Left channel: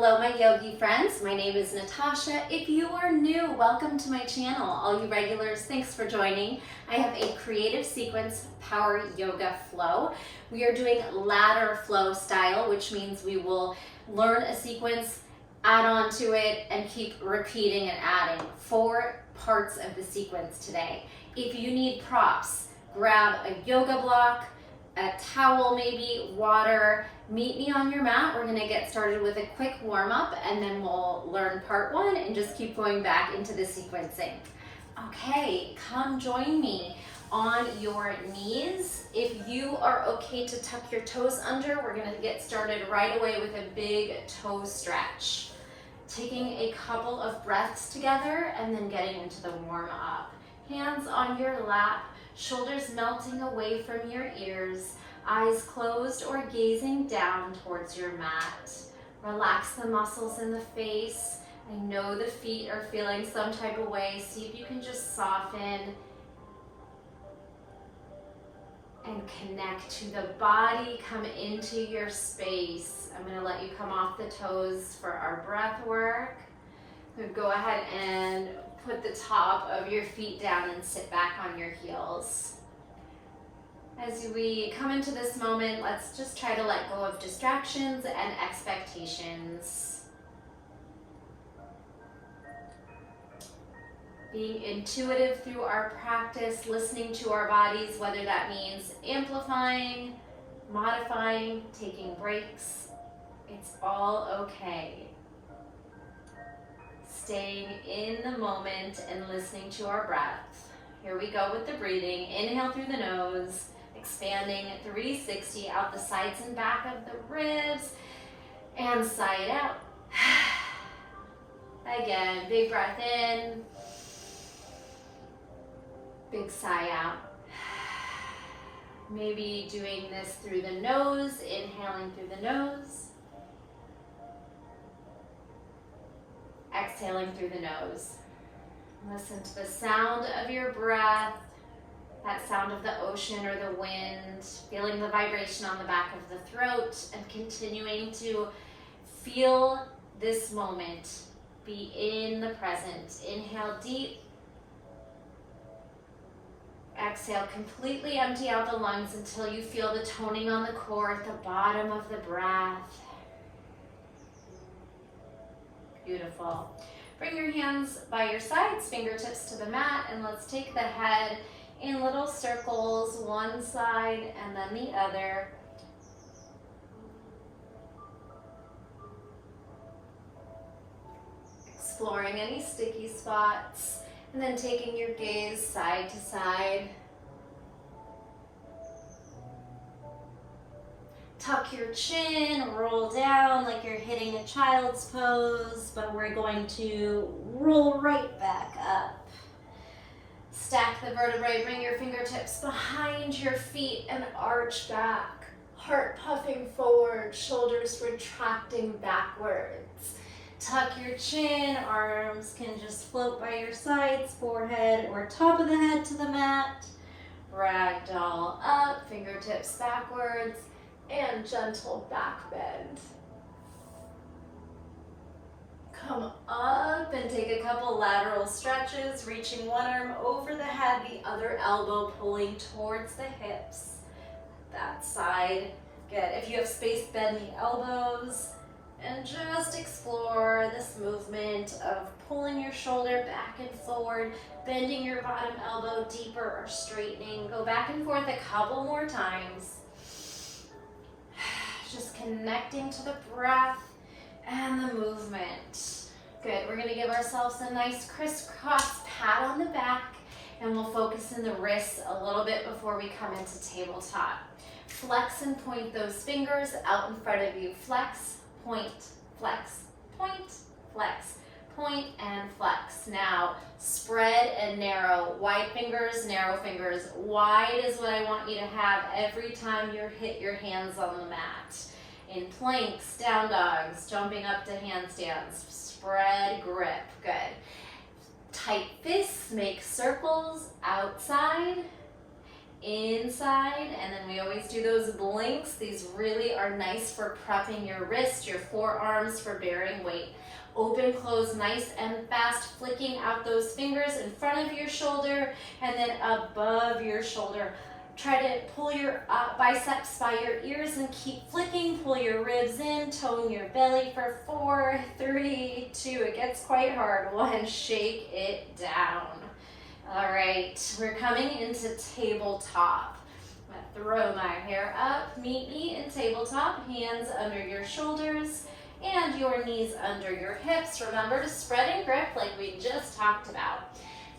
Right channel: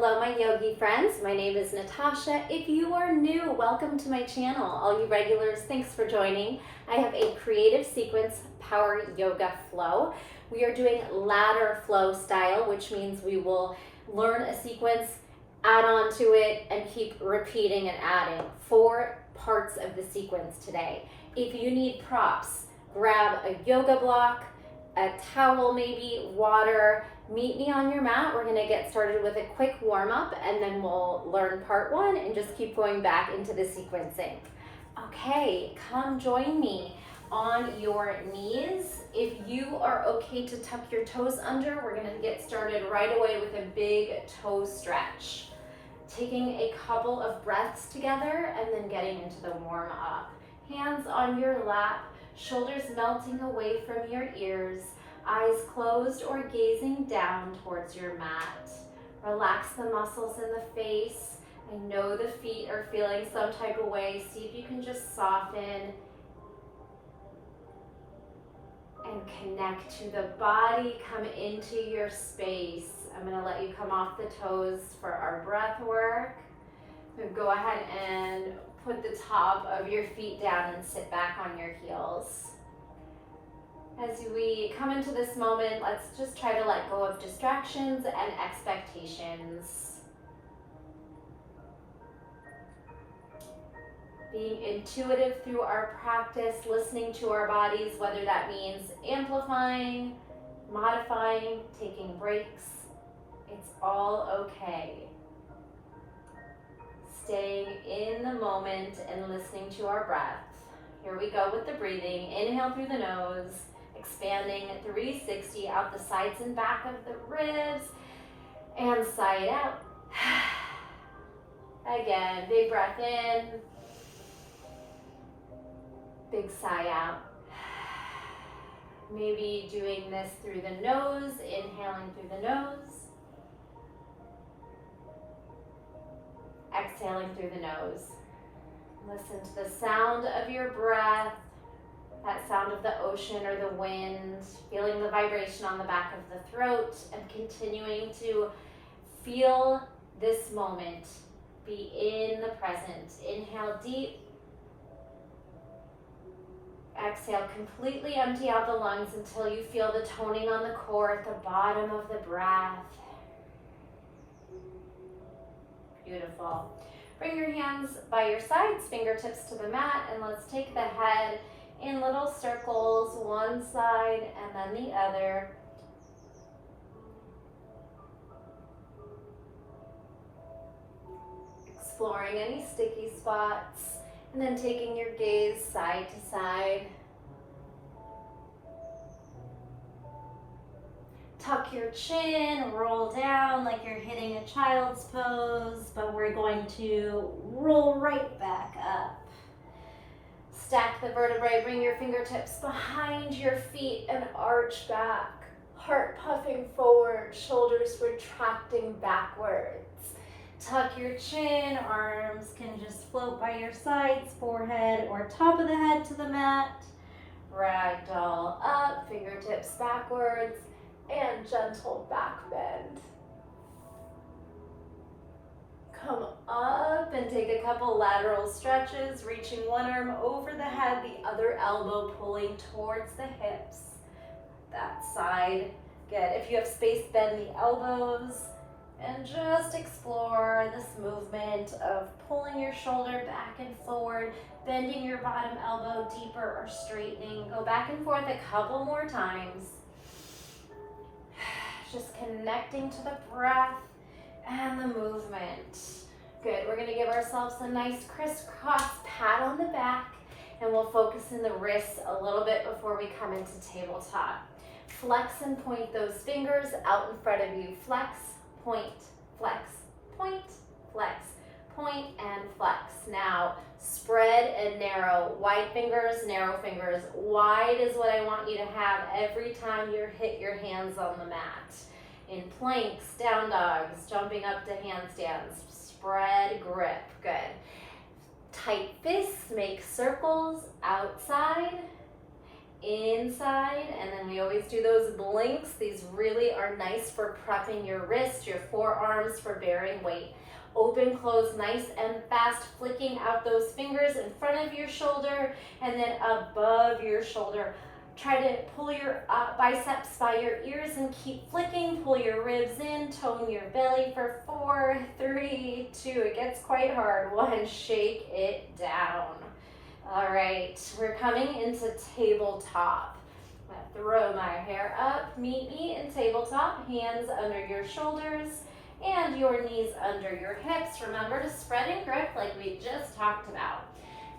Hello my yogi friends, my name is Natasha. If you are new, welcome to my channel. All you regulars, thanks for joining. I have a creative sequence power yoga flow. We are doing ladder flow style, which means we will learn a sequence, add on to it, and keep repeating and adding 4 parts of the sequence today. If you need props, grab a yoga block, a towel maybe, water. Meet me on your mat. We're gonna get started with a quick warm up and then we'll learn part 1 and just keep going back into the sequencing. Okay, come join me on your knees. If you are okay to tuck your toes under, we're gonna get started right away with a big toe stretch. Taking a couple of breaths together and then getting into the warm up. Hands on your lap, shoulders melting away from your ears, eyes closed or gazing down towards your mat. Relax the muscles in the face. I know the feet are feeling some type of way. See if you can just soften and connect to the body. Come into your space. I'm going to let you come off the toes for our breath work. So go ahead and put the top of your feet down and sit back on your heels. As we come into this moment, let's just try to let go of distractions and expectations. Being intuitive through our practice, listening to our bodies, whether that means amplifying, modifying, taking breaks, it's all okay. Staying in the moment and listening to our breath. Here we go with the breathing. Inhale through the nose. Expanding 360 out the sides and back of the ribs and sigh out. Again, big breath in, big sigh out. Maybe doing this through the nose, inhaling through the nose, exhaling through the nose. Listen to the sound of your breath. That sound of the ocean or the wind, feeling the vibration on the back of the throat and continuing to feel this moment. Be in the present. Inhale deep. Exhale, completely empty out the lungs until you feel the toning on the core at the bottom of the breath. Beautiful. Bring your hands by your sides, fingertips to the mat, and let's take the head in little circles, one side and then the other. Exploring any sticky spots, and then taking your gaze side to side. Tuck your chin, roll down like you're hitting a child's pose, but we're going to roll right back up. Stack the vertebrae, bring your fingertips behind your feet and arch back. Heart puffing forward, shoulders retracting backwards. Tuck your chin, arms can just float by your sides, forehead or top of the head to the mat. Ragdoll up, fingertips backwards, and gentle back bend. Come up and take a couple lateral stretches, reaching one arm over the head, the other elbow pulling towards the hips. That side, good. If you have space, bend the elbows and just explore this movement of pulling your shoulder back and forward, bending your bottom elbow deeper or straightening. Go back and forth a couple more times. Just connecting to the breath and the movement. Good, we're gonna give ourselves a nice crisscross pat on the back and we'll focus in the wrists a little bit before we come into tabletop. Flex and point those fingers out in front of you. Flex, point, flex, point, flex, point, and flex. Now, spread and narrow. Wide fingers, narrow fingers. Wide is what I want you to have every time you hit your hands on the mat. In planks, down dogs, jumping up to handstands, spread, grip, good. Tight fists, make circles outside, inside, and then we always do those blinks. These really are nice for prepping your wrist, your forearms for bearing weight. Open, close, nice and fast, flicking out those fingers in front of your shoulder and then above your shoulder. Try to pull your biceps by your ears and keep flicking. Pull your ribs in, tone your belly for 4, 3, 2. It gets quite hard. 1, shake it down. All right, we're coming into tabletop. I'm gonna throw my hair up. Meet me in tabletop. Hands under your shoulders and your knees under your hips. Remember to spread and grip like we just talked about.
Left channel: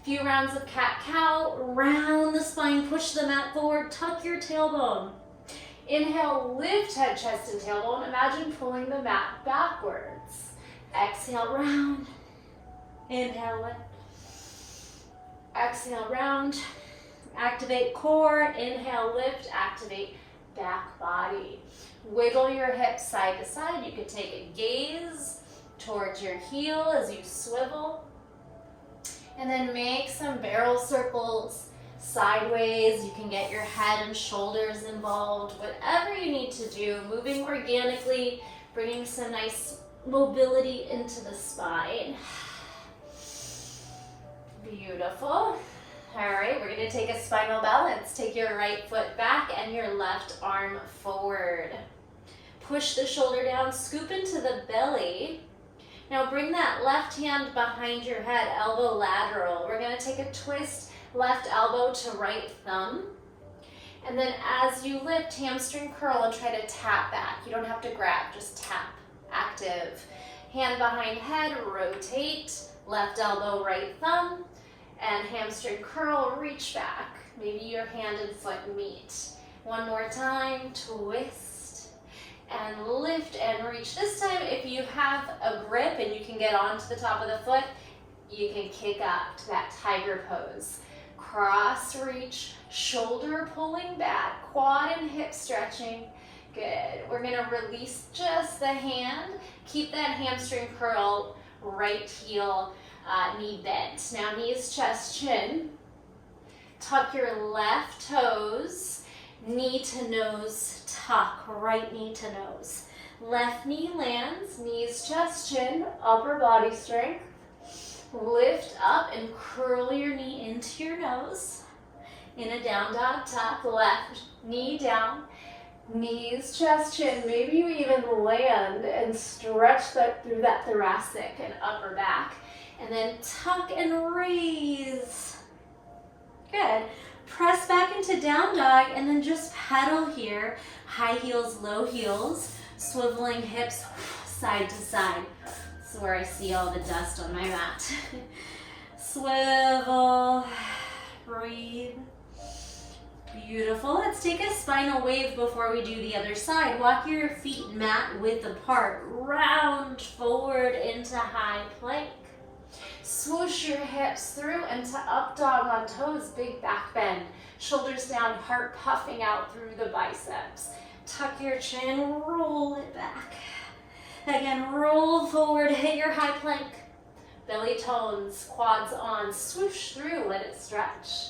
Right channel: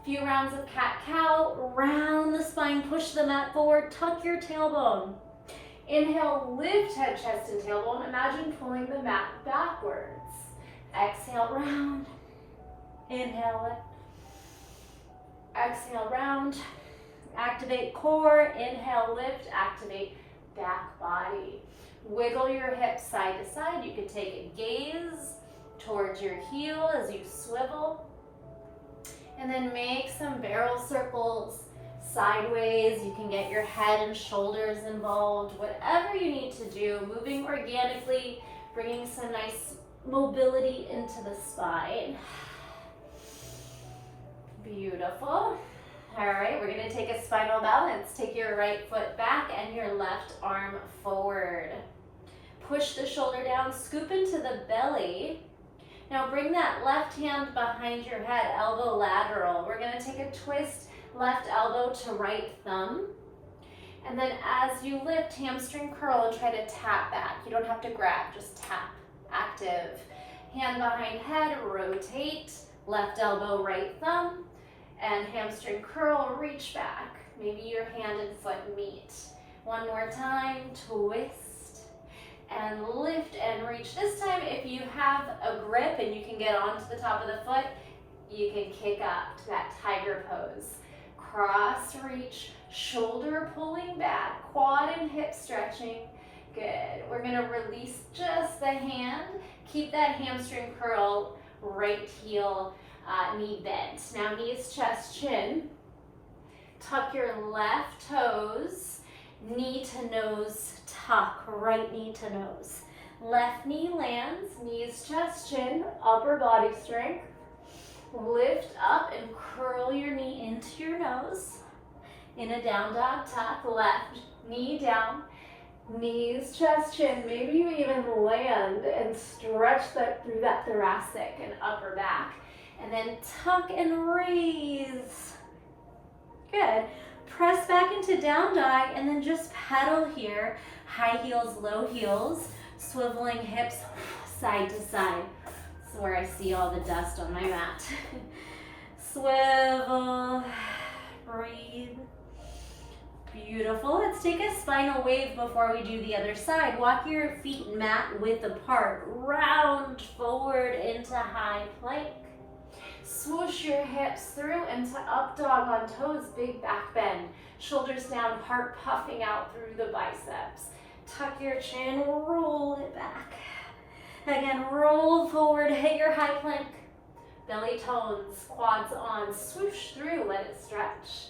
Few rounds of cat-cow, round the spine, push the mat forward, tuck your tailbone. Inhale, lift head, chest, and tailbone. Imagine pulling the mat backwards. Exhale, round. Inhale, lift. Exhale, round. Activate core. Inhale, lift. Activate back body. Wiggle your hips side to side. You could take a gaze towards your heel as you swivel. And then make some barrel circles sideways. You can get your head and shoulders involved. Whatever you need to do, moving organically, bringing some nice mobility into the spine. Beautiful. All right, we're gonna take a spinal balance. Take your right foot back and your left arm forward. Push the shoulder down, scoop into the belly. Now bring that left hand behind your head, elbow lateral. We're gonna take a twist, left elbow to right thumb. And then as you lift, hamstring curl and try to tap back. You don't have to grab, just tap, active. Hand behind head, rotate, left elbow, right thumb, and hamstring curl, reach back. Maybe your hand and foot meet. One more time, twist. And lift and reach. This time, if you have a grip and you can get onto the top of the foot, you can kick up to that tiger pose. Cross reach, shoulder pulling back, quad and hip stretching. Good. We're gonna release just the hand. Keep that hamstring curl, right heel, knee bent. Now knees, chest, chin. Tuck your left toes, knee to nose, tuck, right knee to nose. Left knee lands, knees, chest, chin, upper body strength. Lift up and curl your knee into your nose. In a down dog, tuck, left knee down, knees, chest, chin. Maybe you even land and stretch that through that thoracic and upper back. And then tuck and raise. Good. Press back into down dog and then just pedal here. High heels, low heels, swiveling hips side to side. This is where I see all the dust on my mat. Swivel, breathe. Beautiful. Let's take a spinal wave before we do the other side. Walk your feet mat width apart. Round forward into high plank. Swoosh your hips through into up dog on toes, big back bend. Shoulders down, heart puffing out through the biceps. Tuck your chin, roll it back. Again, roll forward, hit your high plank. Belly tones, quads on, swoosh through, let it stretch.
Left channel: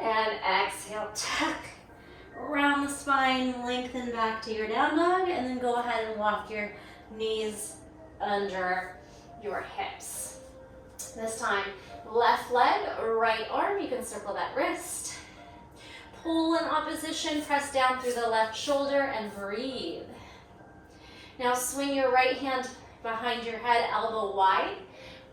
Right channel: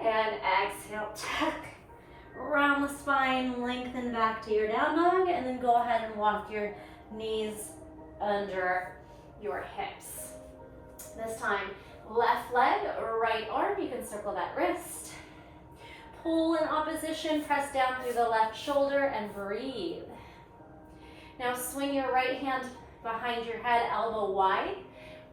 And exhale, tuck. Around the spine, lengthen back to your down dog, and then go ahead and walk your knees under your hips. This time, left leg, right arm, you can circle that wrist. Pull in opposition, press down through the left shoulder and breathe. Now swing your right hand behind your head, elbow wide.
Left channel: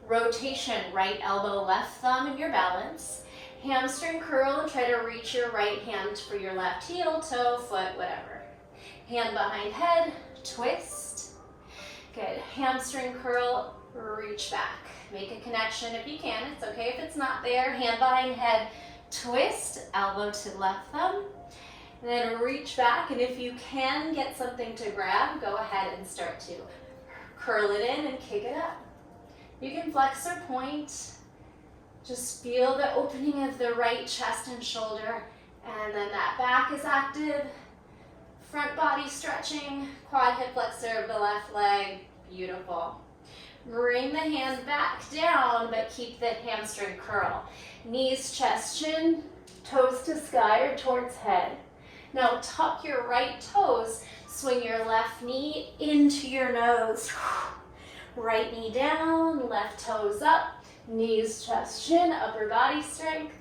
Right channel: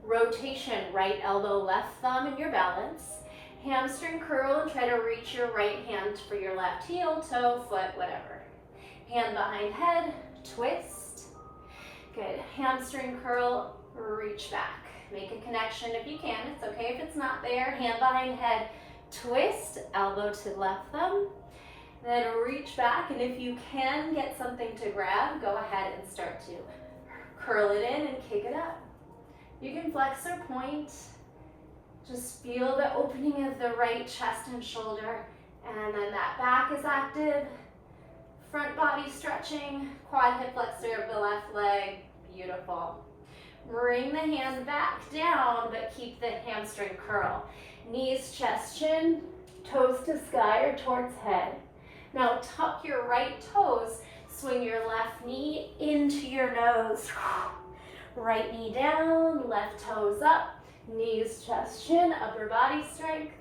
Rotation, right elbow, left thumb in your balance. Hamstring curl and try to reach your right hand for your left heel, toe, foot, whatever. Hand behind head, twist. Good, hamstring curl, reach back. Make a connection if you can. It's okay if it's not there. Hand behind head, twist, elbow to left thumb. Then reach back, and if you can get something to grab, go ahead and start to curl it in and kick it up. You can flex or point. Just feel the opening of the right chest and shoulder, and then that back is active. Front body stretching, quad hip flexor of the left leg. Beautiful. Bring the hand back down, but keep the hamstring curl. Knees, chest, chin. toes to sky or towards head. Now tuck your right toes, swing your left knee into your nose. Right knee down, left toes up, knees, chest, chin, upper body strength.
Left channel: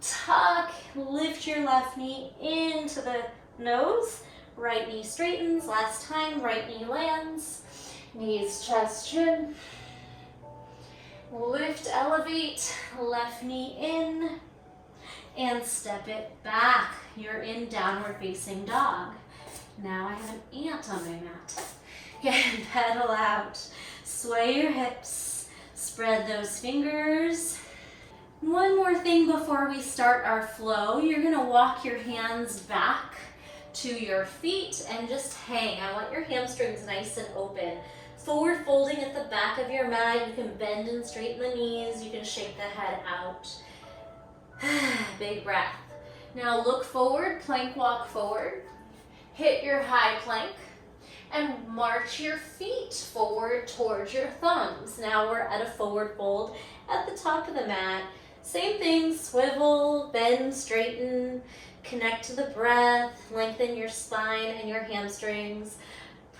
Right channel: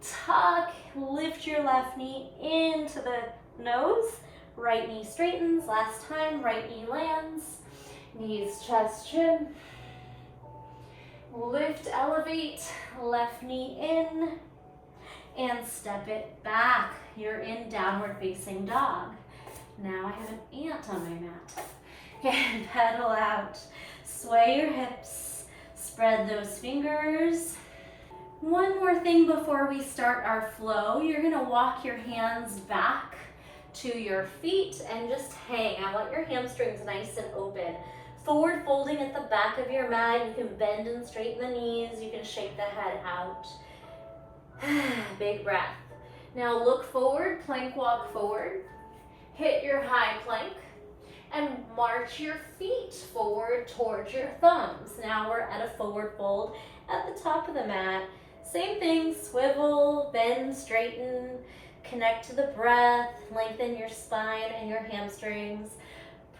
Tuck, lift your left knee into the nose. Right knee straightens, last time, right knee lands. Knees, chest, chin. Lift, elevate, left knee in, and step it back. You're in downward facing dog. Now I have an ant on my mat. And pedal out. Sway your hips, spread those fingers. One more thing before we start our flow. You're gonna walk your hands back to your feet and just hang. I want your hamstrings nice and open. Forward folding at the back of your mat. You can bend and straighten the knees. You can shake the head out. Big breath. Now look forward, plank walk forward. Hit your high plank and march your feet forward towards your thumbs. Now we're at a forward fold at the top of the mat. Same thing, swivel, bend, straighten, connect to the breath, lengthen your spine and your hamstrings.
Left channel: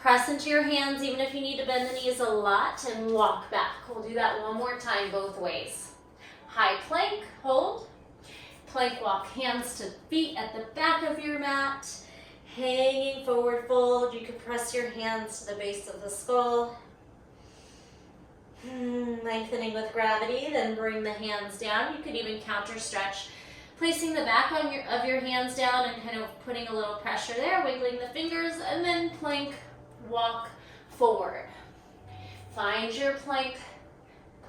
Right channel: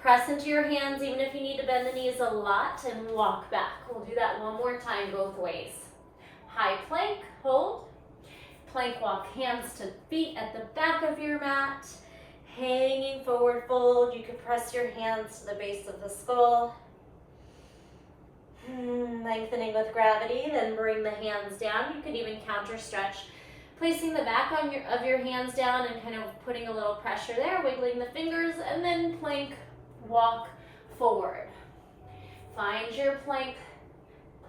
Press into your hands even if you need to bend the knees a lot and walk back. We'll do that one more time both ways. High plank, hold. Plank walk, hands to feet at the back of your mat. Hanging forward fold. You can press your hands to the base of the skull. Lengthening with gravity, then bring the hands down. You could even counter stretch, placing the back of your hands down and kind of putting a little pressure there, wiggling the fingers, and then plank walk forward. Find your plank,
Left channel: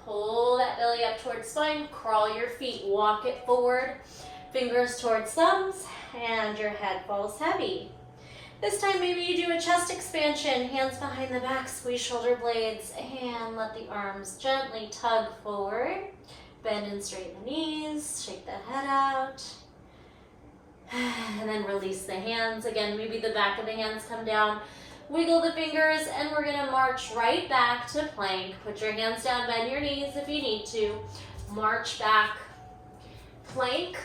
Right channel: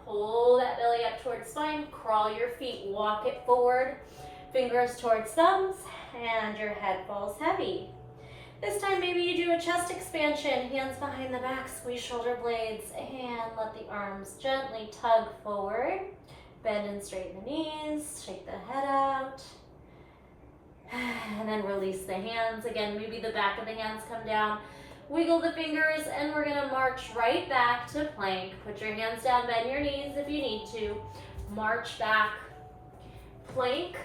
pull that belly up towards spine, crawl your feet, walk it forward, fingers towards thumbs, and your head falls heavy. This time maybe you do a chest expansion, hands behind the back, squeeze shoulder blades, and let the arms gently tug forward. Bend and straighten the knees, shake the head out, and then release the hands. Again, maybe the back of the hands come down, wiggle the fingers, and we're gonna march right back to plank. Put your hands down, bend your knees if you need to. March back, plank,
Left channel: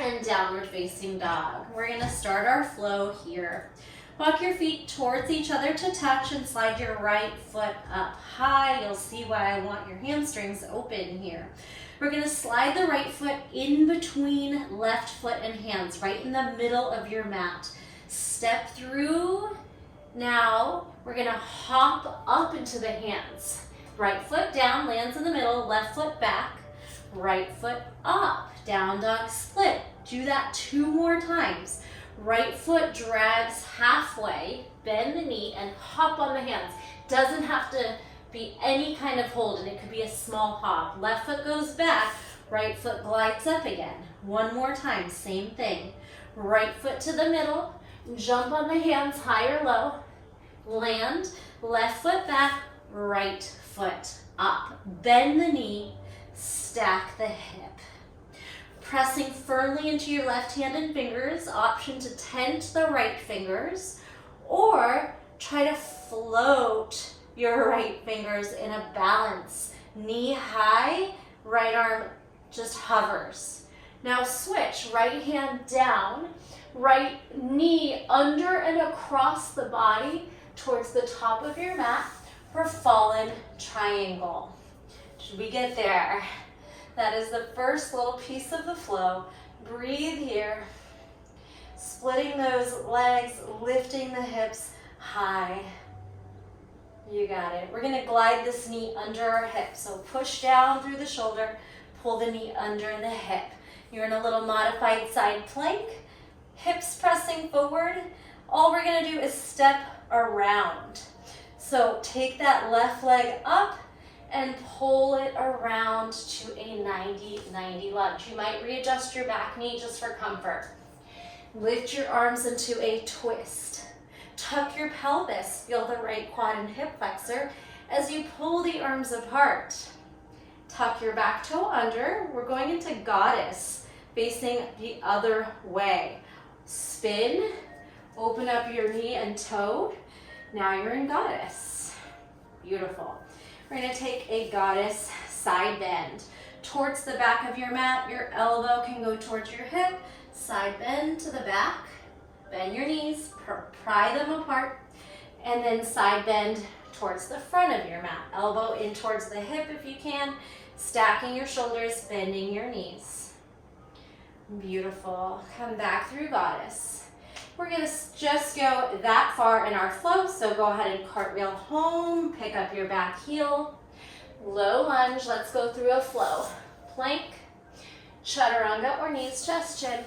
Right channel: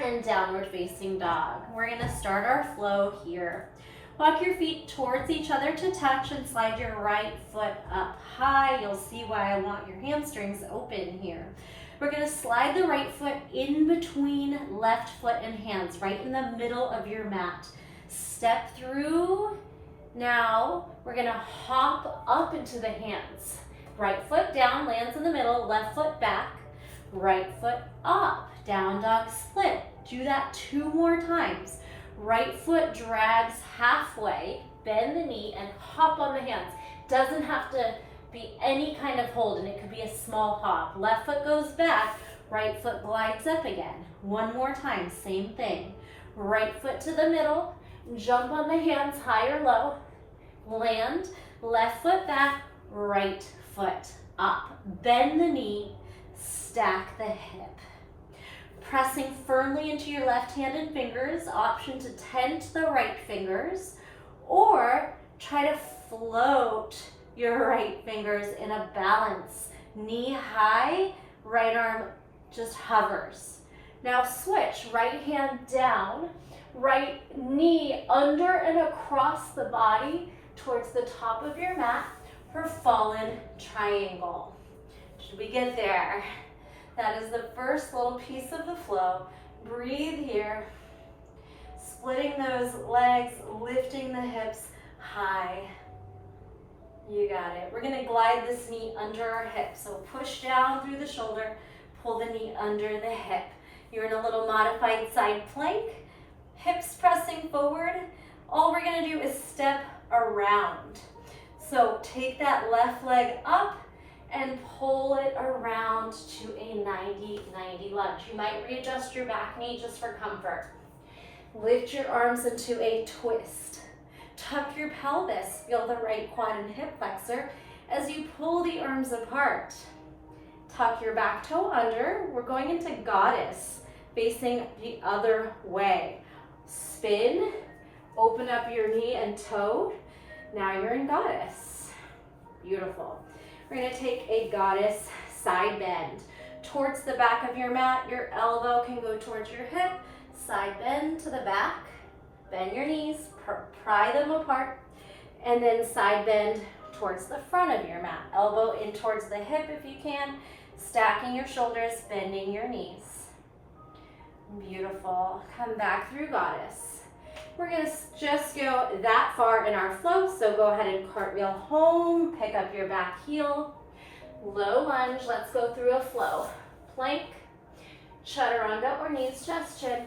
and downward facing dog. We're gonna start our flow here. Walk your feet towards each other to touch and slide your right foot up high. You'll see why I want your hamstrings open here. We're gonna slide the right foot in between left foot and hands, right in the middle of your mat. Step through. Now we're gonna hop up into the hands. Right foot down, lands in the middle, left foot back, right foot up, down dog split. Do that 2 more times. Right foot drags halfway, bend the knee, and hop on the hands. Doesn't have to be any kind of hold, and it could be a small hop. Left foot goes back, right foot glides up again. 1 more time, same thing. Right foot to the middle, jump on the hands, high or low, land, left foot back, right foot up. Bend the knee, stack the hip. Pressing firmly into your left hand and fingers, option to tent the right fingers, or try to float your right fingers in a balance. Knee high, right arm just hovers. Now switch, right hand down, right knee under and across the body towards the top of your mat for fallen triangle. Should we get there? That is the first little piece of the flow. Breathe here. Splitting those legs, lifting the hips high. You got it. We're gonna glide this knee under our hip. So push down through the shoulder, pull the knee under the hip. You're in a little modified side plank, hips pressing forward. All we're gonna do is step around. So take that left leg up and pull it around to a 90-90 lunge. You might readjust your back knee just for comfort. Lift your arms into a twist. Tuck your pelvis. Feel the right quad and hip flexor as you pull the arms apart. Tuck your back toe under. We're going into goddess, facing the other way. Spin, open up your knee and toe. Now you're in goddess. Beautiful. We're gonna take a goddess side bend. towards the back of your mat. Your elbow can go towards your hip. Side bend to the back. Bend your knees, pry them apart, and then side bend towards the front of your mat. Elbow in towards the hip if you can. Stacking your shoulders, bending your knees. Beautiful. Come back through goddess. We're going to just go that far in our flow, so go ahead and cartwheel home, pick up your back heel. Low lunge, let's go through a flow. Plank, chaturanga or knees, chest, chin.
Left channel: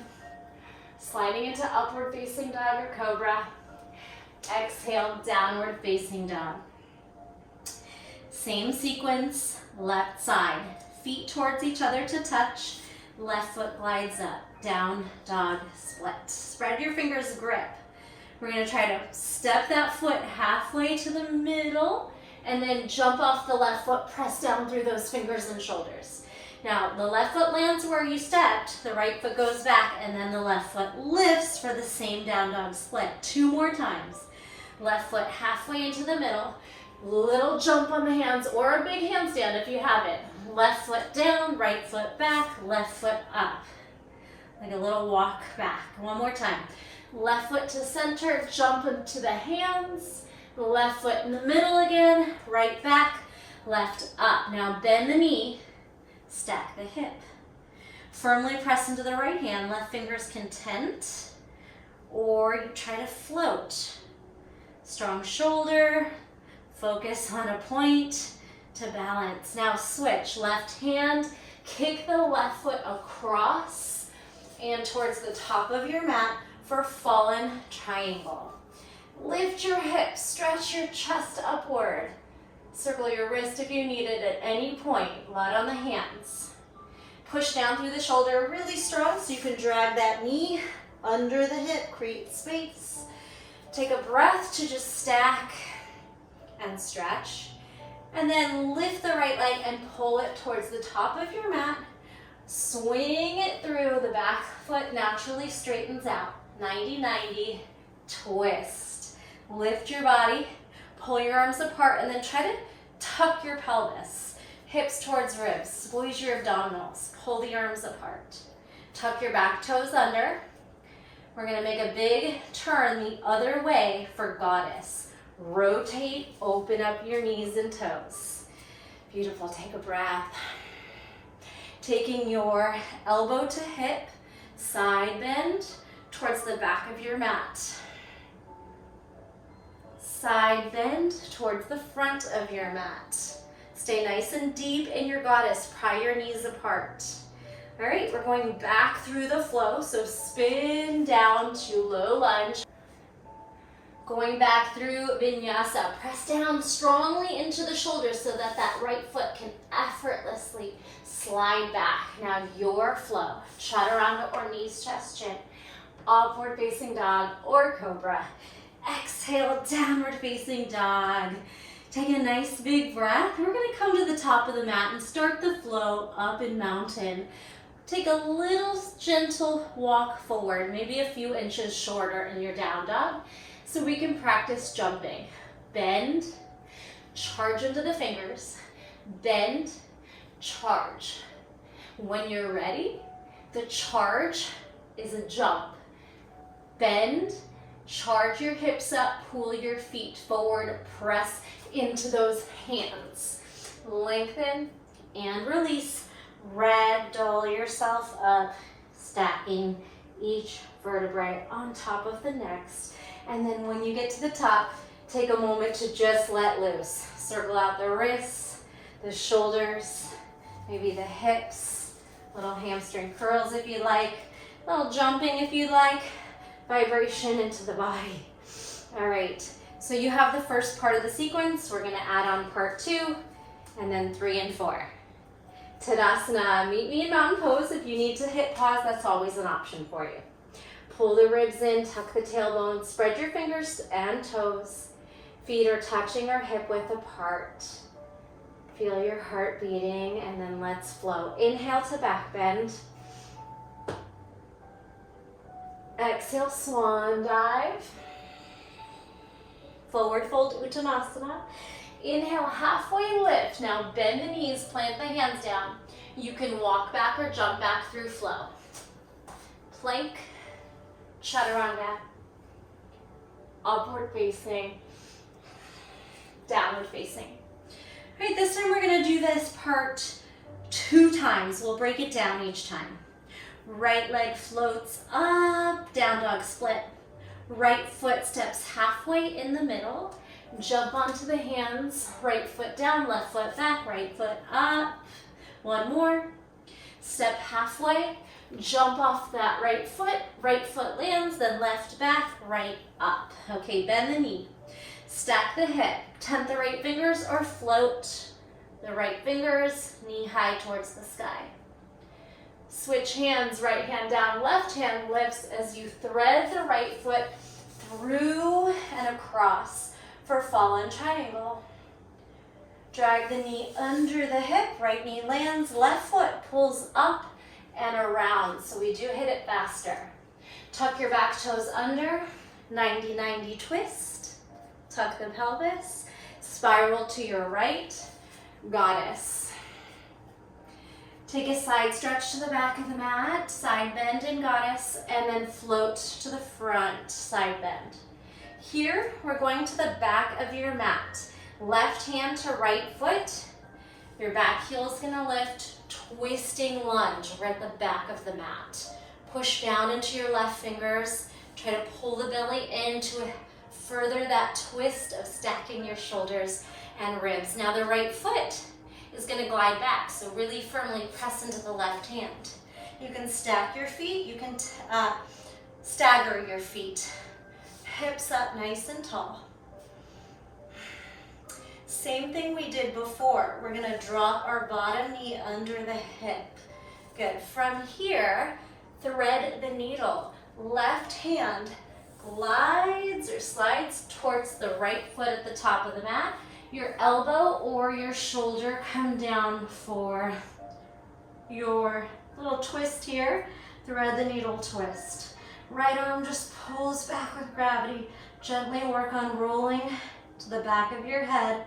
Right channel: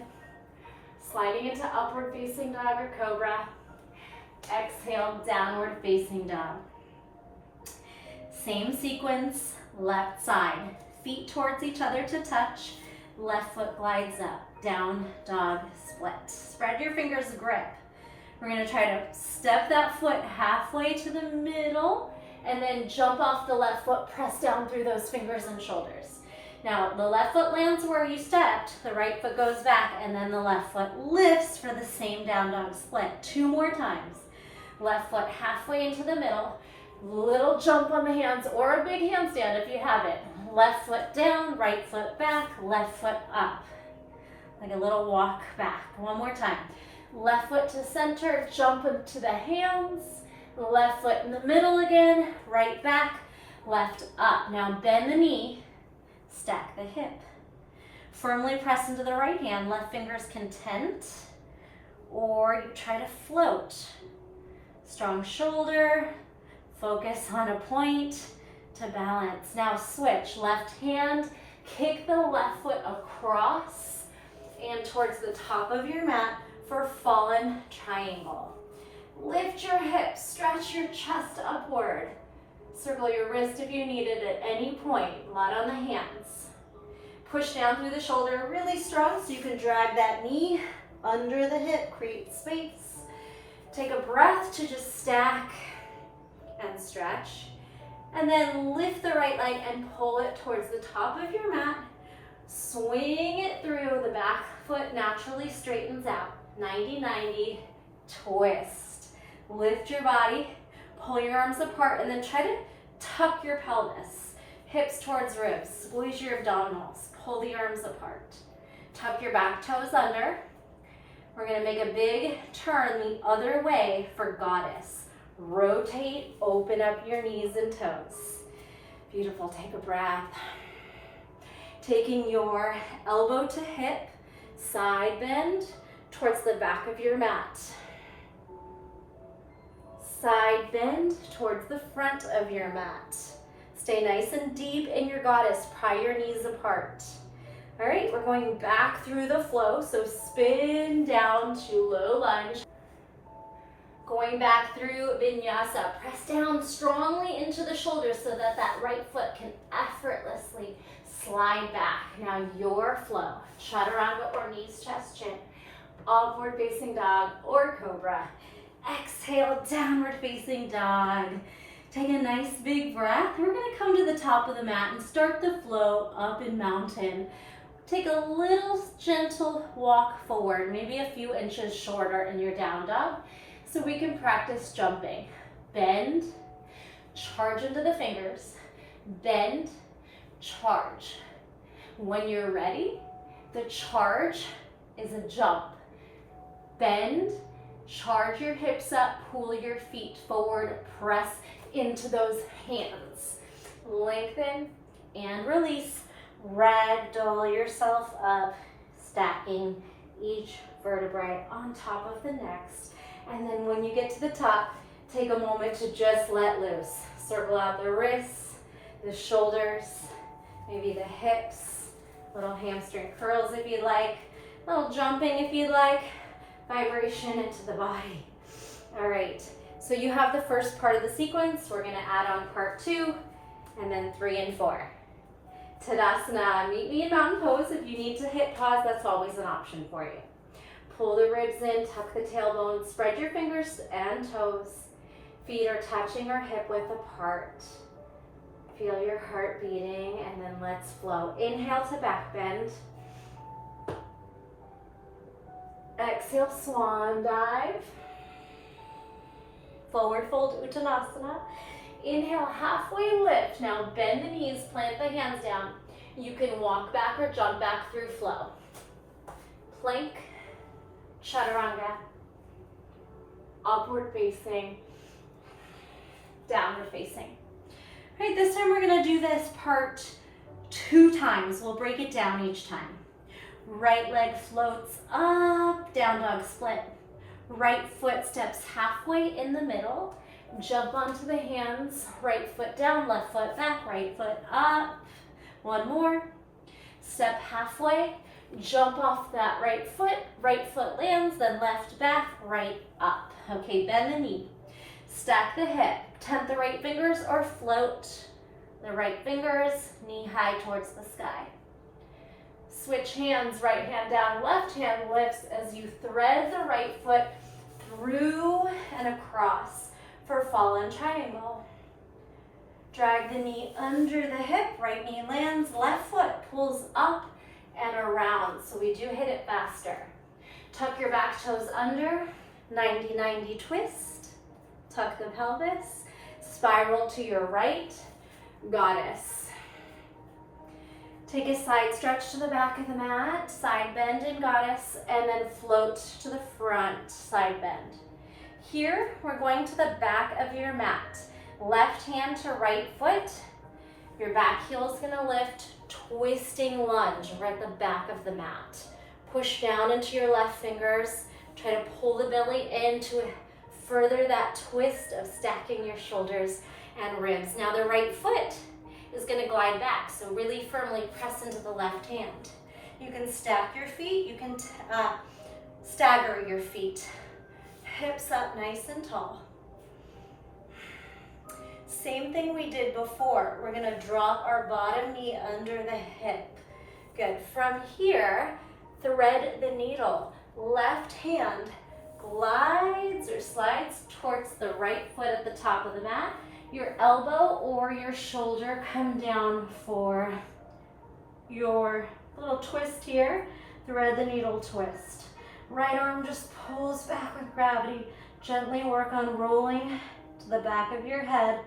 Sliding into upward facing dog or cobra. Exhale, downward facing dog. Same sequence, left side. Feet towards each other to touch. Left foot glides up. Down dog split. Spread your fingers, grip. We're going to try to step that foot halfway to the middle and then jump off the left foot, press down through those fingers and shoulders. Now, the left foot lands where you stepped, the right foot goes back, and then the left foot lifts for the same down dog split. 2 more times. Left foot halfway into the middle, little jump on the hands or a big handstand if you have it. Left foot down, right foot back, left foot up. Like a little walk back. 1 more time. Left foot to center, jump into the hands, left foot in the middle again, right back, left up. Now bend the knee. Stack the hip. Firmly press into the right hand. Left fingers can tent, or you try to float. Strong shoulder. Focus on a point to balance. Now switch. Left hand. Kick the left foot across and towards the top of your mat for fallen triangle. Lift your hips. Stretch your chest upward. Circle your wrist if you need it at any point. Light on the hands. Push down through the shoulder really strong so you can drag that knee under the hip. Create space. Take a breath to just stack and stretch. And then lift the right leg and pull it towards the top of your mat. Swing it through. The back foot naturally straightens out. 90-90. Twist. Lift your body. Pull your arms apart and then try to tuck your pelvis. Hips towards ribs. Squeeze your abdominals. Pull the arms apart. Tuck your back toes under. We're going to make a big turn the other way for goddess. Rotate, open up your knees and toes. Beautiful. Take a breath. Taking your elbow to hip, side bend towards the back of your mat. Side bend towards the front of your mat. Stay nice and deep in your goddess. Pry your knees apart. All right, we're going back through the flow. So spin down to low lunge. Going back through vinyasa. Press down strongly into the shoulders so that that right foot can effortlessly slide back. Now your flow. Chaturanga or knees, chest, chin. Upward facing dog or cobra. Exhale, downward facing dog. Take a nice big breath. We're going to come to the top of the mat and start the flow up in mountain. Take a little gentle walk forward, maybe a few inches shorter in your down dog, so we can practice jumping. Bend, charge into the fingers, bend, charge. When you're ready, the charge is a jump. Bend, charge your hips up, pull your feet forward, press into those hands. Lengthen and release. Ragdoll yourself up, stacking each vertebrae on top of the next. And then when you get to the top, take a moment to just let loose. Circle out the wrists, the shoulders, maybe the hips, little hamstring curls if you like, little jumping if you like, vibration into the body. All right, so you have the first part of the sequence. We're gonna add on part 2, and then 3 and 4. Tadasana, meet me in mountain pose. If you need to hit pause, that's always an option for you. Pull the ribs in, tuck the tailbone, spread your fingers and toes. Feet are touching or hip width apart. Feel your heart beating, and then let's flow. Inhale to back bend. Exhale, swan dive. Forward fold, Uttanasana. Inhale, halfway lift. Now bend the knees, plant the hands down. You can walk back or jump back through flow. Plank, chaturanga, upward facing, downward facing. All right, this time we're gonna do this part 2 times. We'll break it down each time. Right leg floats up, down dog split. Right foot steps halfway in the middle. Jump onto the hands, right foot down, left foot back, right foot up. One more. Step halfway, jump off that right foot lands, then left back, right up. Okay, bend the knee. Stack the hip, tent the right fingers or float the right fingers, knee high towards the sky. Switch hands, right hand down, left hand lifts as you thread the right foot through and across for fallen triangle. Drag the knee under the hip, right knee lands, left foot pulls up and around. So we do hit it faster. Tuck your back toes under, 90-90 twist. Tuck the pelvis, spiral to your right, goddess. Take a side stretch to the back of the mat, side bend in goddess, and then float to the front, side bend. Here, we're going to the back of your mat. Left hand to right foot. Your back heel is gonna lift, twisting lunge. We're at the back of the mat. Push down into your left fingers. Try to pull the belly in to further that twist of stacking your shoulders and ribs. Now the right foot is gonna glide back, so really firmly press into the left hand. You can stack your feet, you can stagger your feet. Hips up nice and tall. Same thing we did before. We're gonna drop our bottom knee under the hip. Good. From here, thread the needle. Left hand glides or slides towards the right foot at the top of the mat. Your elbow or your shoulder come down for your little twist here. Thread the needle twist. Right arm just pulls back with gravity. Gently work on rolling to the back of your head,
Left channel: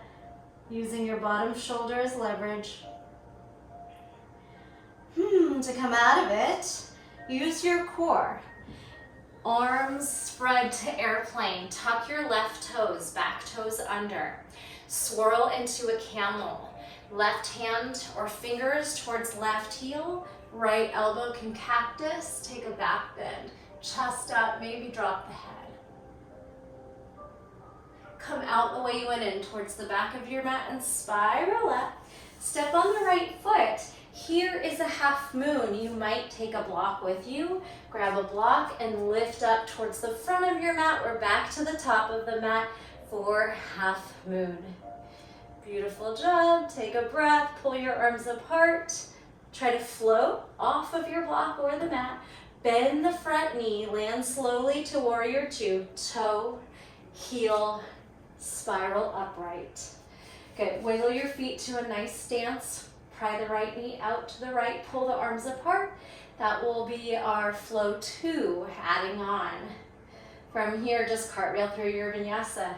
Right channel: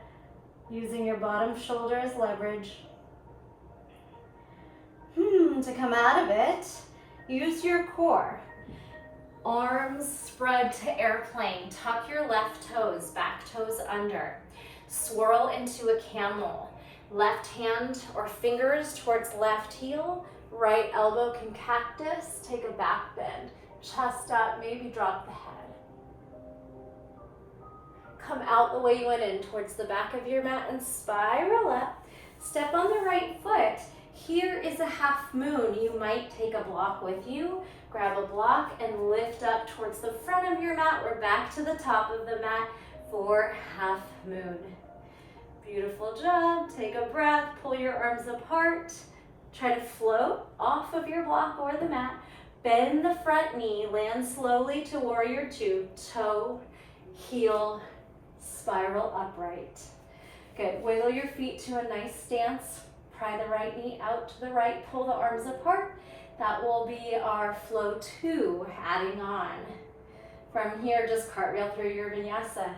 using your bottom shoulder as leverage. To come out of it, use your core. Arms spread to airplane. Tuck your left toes, back toes under. Swirl into a camel. Left hand or fingers towards left heel. Right elbow can cactus. Take a back bend. Chest up, maybe drop the head. Come out the way you went in towards the back of your mat and spiral up. Step on the right foot. Here is a half moon. You might take a block with you. Grab a block and lift up towards the front of your mat or back to the top of the mat for half moon. Beautiful job. Take a breath, pull your arms apart. Try to float off of your block or the mat. Bend the front knee, land slowly to warrior 2. Toe, heel, spiral upright. Good. Wiggle your feet to a nice stance. Pry the right knee out to the right. Pull the arms apart. That will be our flow 2, adding on. From here, just cartwheel through your vinyasa.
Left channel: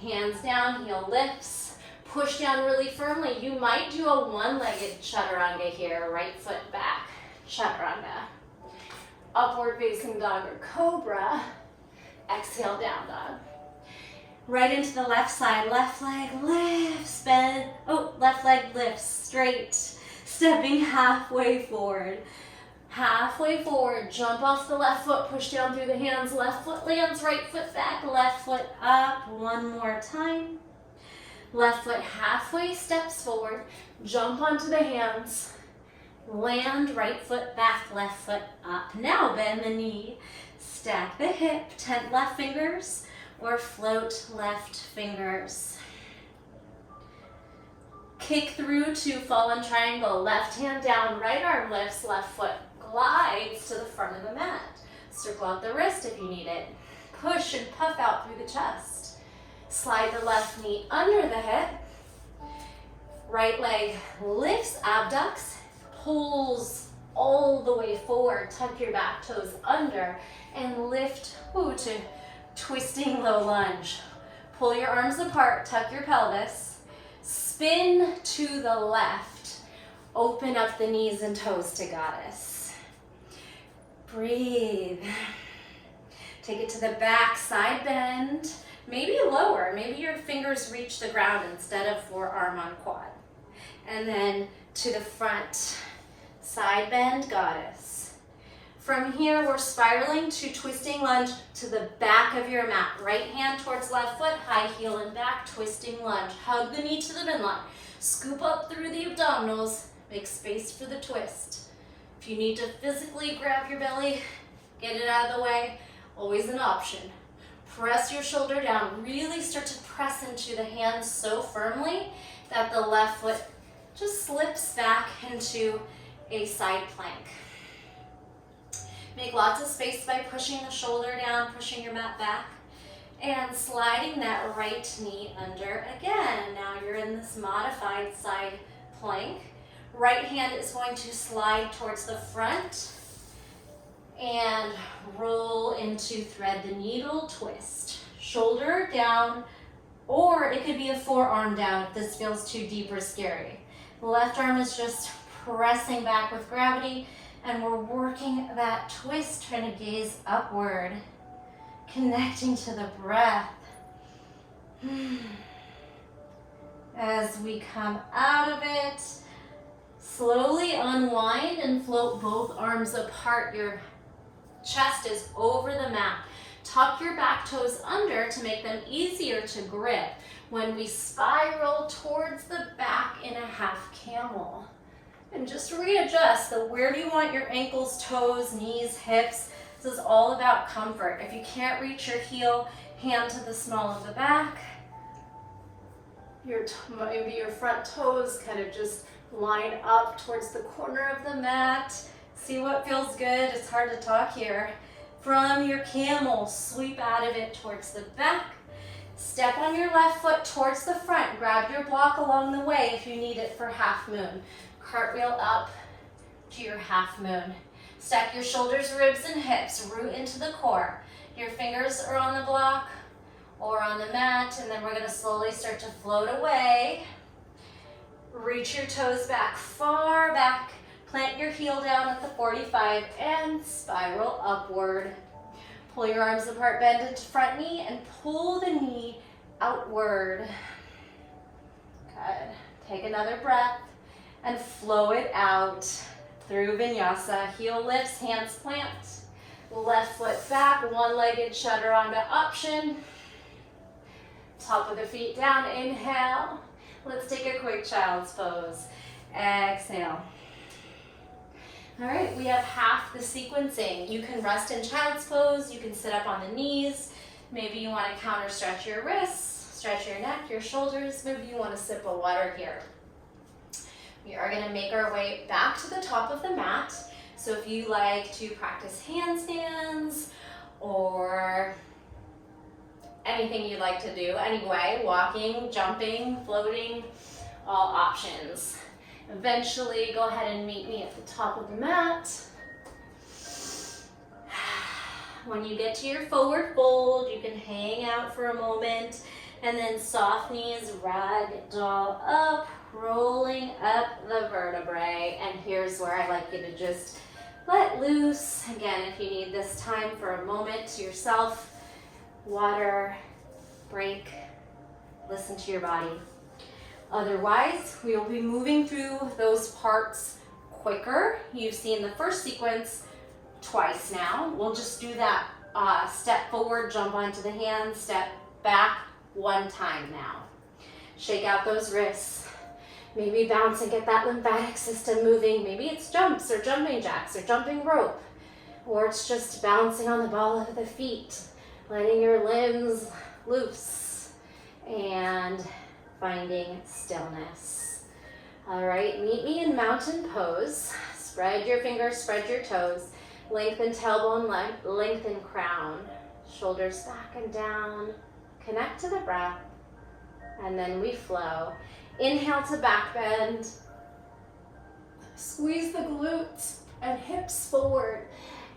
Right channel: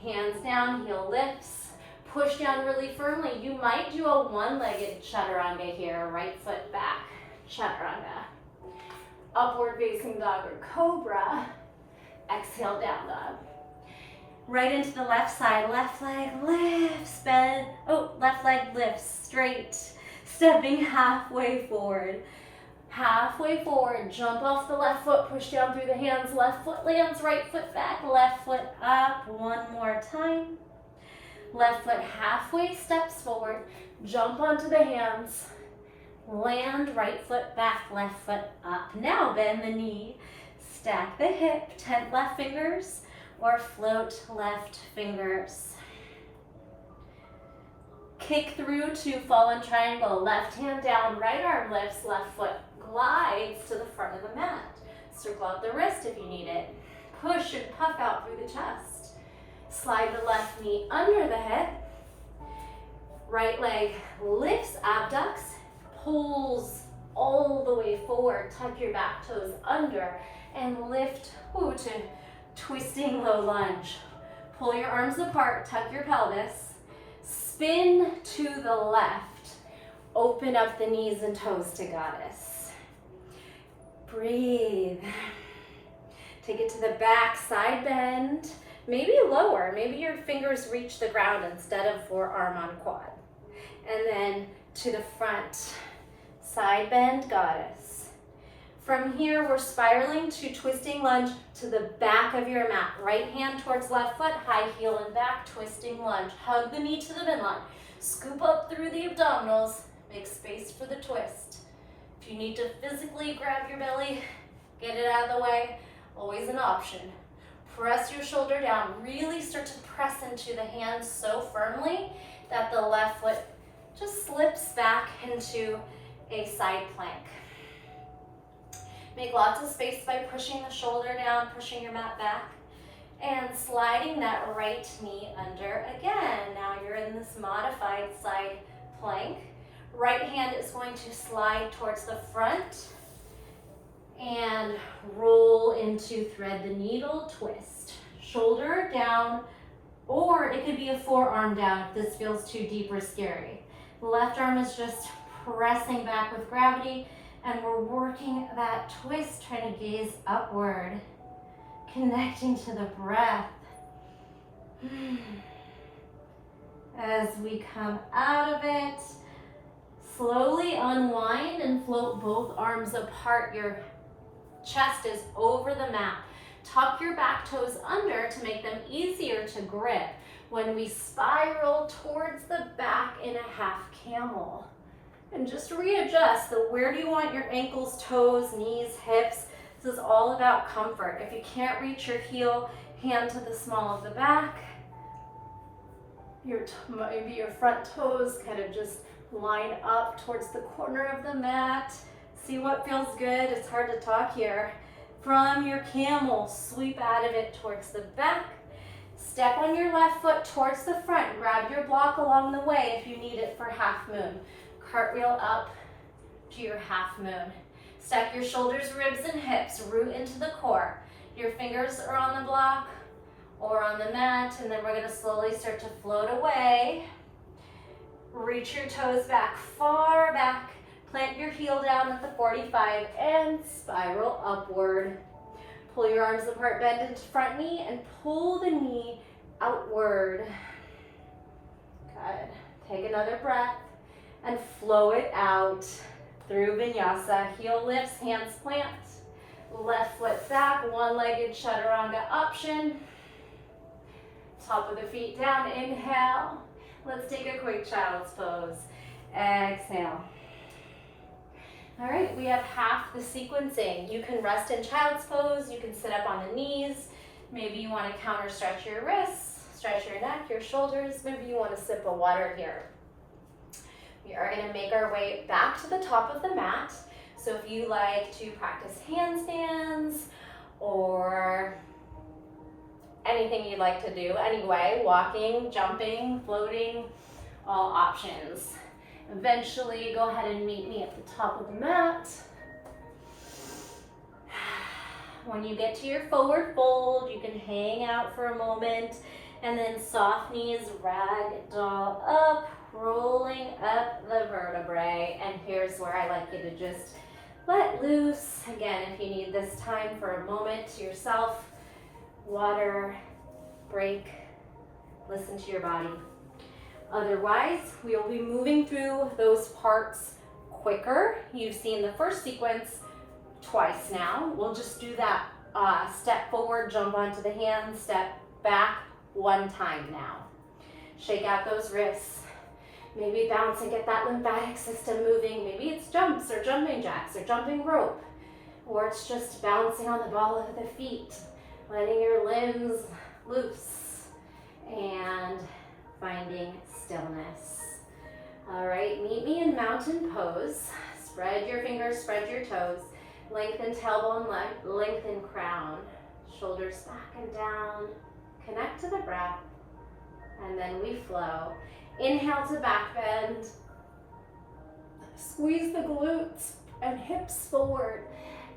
Hands down, heel lifts. Push down really firmly. You might do a one-legged chaturanga here. Right foot back, chaturanga. Upward facing dog or cobra. Exhale, down dog. Right into the left side. Left leg lifts, bend. Oh, left leg lifts straight. Stepping halfway forward. Halfway forward, jump off the left foot, push down through the hands. Left foot lands, right foot back, left foot up. One more time. Left foot halfway steps forward, jump onto the hands. Land, right foot back, left foot up. Now bend the knee, stack the hip, tent left fingers, or float left fingers. Kick through to fallen triangle. Left hand down, right arm lifts, left foot glides to the front of the mat. Circle out the wrist if you need it. Push and puff out through the chest. Slide the left knee under the hip. Right leg lifts, abducts, pulls all the way forward. Tuck your back toes under and lift to twisting low lunge. Pull your arms apart, tuck your pelvis. Spin to the left. open up the knees and toes to goddess. Breathe. Take it to the back, side bend. Maybe lower, maybe your fingers reach the ground instead of forearm on quad. And then to the front, side bend, goddess. From here, we're spiraling to twisting lunge to the back of your mat. Right hand towards left foot, high heel and back, twisting lunge. Hug the knee to the midline. Scoop up through the abdominals, make space for the twist. If you need to physically grab your belly, get it out of the way, always an option. Press your shoulder down, really start to press into the hands so firmly that the left foot just slips back into a side plank. Make lots of space by pushing the shoulder down, pushing your mat back, and sliding that right knee under again. Now you're in this modified side plank. Right hand is going to slide towards the front and roll into thread the needle twist. Shoulder down, or it could be a forearm down if this feels too deep or scary. The left arm is just pressing back with gravity, and we're working that twist, trying to gaze upward, connecting to the breath. As we come out of it, slowly unwind and float both arms apart. Your chest is over the mat. Tuck your back toes under to make them easier to grip when we spiral towards the back in a half camel. And just readjust. So where do you want your ankles, toes, knees, hips? This is all about comfort. If you can't reach your heel, hand to the small of the back. Maybe your front toes kind of just line up towards the corner of the mat. See what feels good. It's hard to talk here. From your camel, sweep out of it towards the back. Step on your left foot towards the front. Grab your block along the way if you need it for half moon. Cartwheel up to your half moon. Stack your shoulders, ribs, and hips. Root into the core. Your fingers are on the block or on the mat, and then we're going to slowly start to float away. Reach your toes back, far back. Plant your heel down at the 45 and spiral upward. Pull your arms apart, bend into front knee, and pull the knee outward. Good. Take another breath and flow it out through vinyasa. Heel lifts, hands plant. Left foot back, one-legged chaturanga option. Top of the feet down, inhale. Let's take a quick child's pose. Exhale. All right, we have half the sequencing. You can rest in child's pose, you can sit up on the knees. Maybe you want to counter stretch your wrists, stretch your neck, your shoulders. Maybe you want a sip of water here. We are going to make our way back to the top of the mat. So if you like to practice handstands or anything you'd like to do anyway, walking, jumping, floating, all options. Eventually, go ahead and meet me at the top of the mat. When you get to your forward fold, you can hang out for a moment and then soft knees, ragdoll up, rolling up the vertebrae. And here's where I like you to just let loose. Again, if you need this time for a moment to yourself, water, break, listen to your body. Otherwise, we will be moving through those parts quicker. You've seen the first sequence twice now. We'll just do that step forward, jump onto the hands, step back one time now. Shake out those wrists. Maybe bounce and get that lymphatic system moving. Maybe it's jumps or jumping jacks or jumping rope. Or it's just bouncing on the ball of the feet, letting your limbs loose and finding stillness. All right, meet me in mountain pose. Spread your fingers, spread your toes. Lengthen tailbone, lengthen crown. Shoulders back and down. Connect to the breath. And then we flow. Inhale to back bend. Squeeze the glutes and hips forward.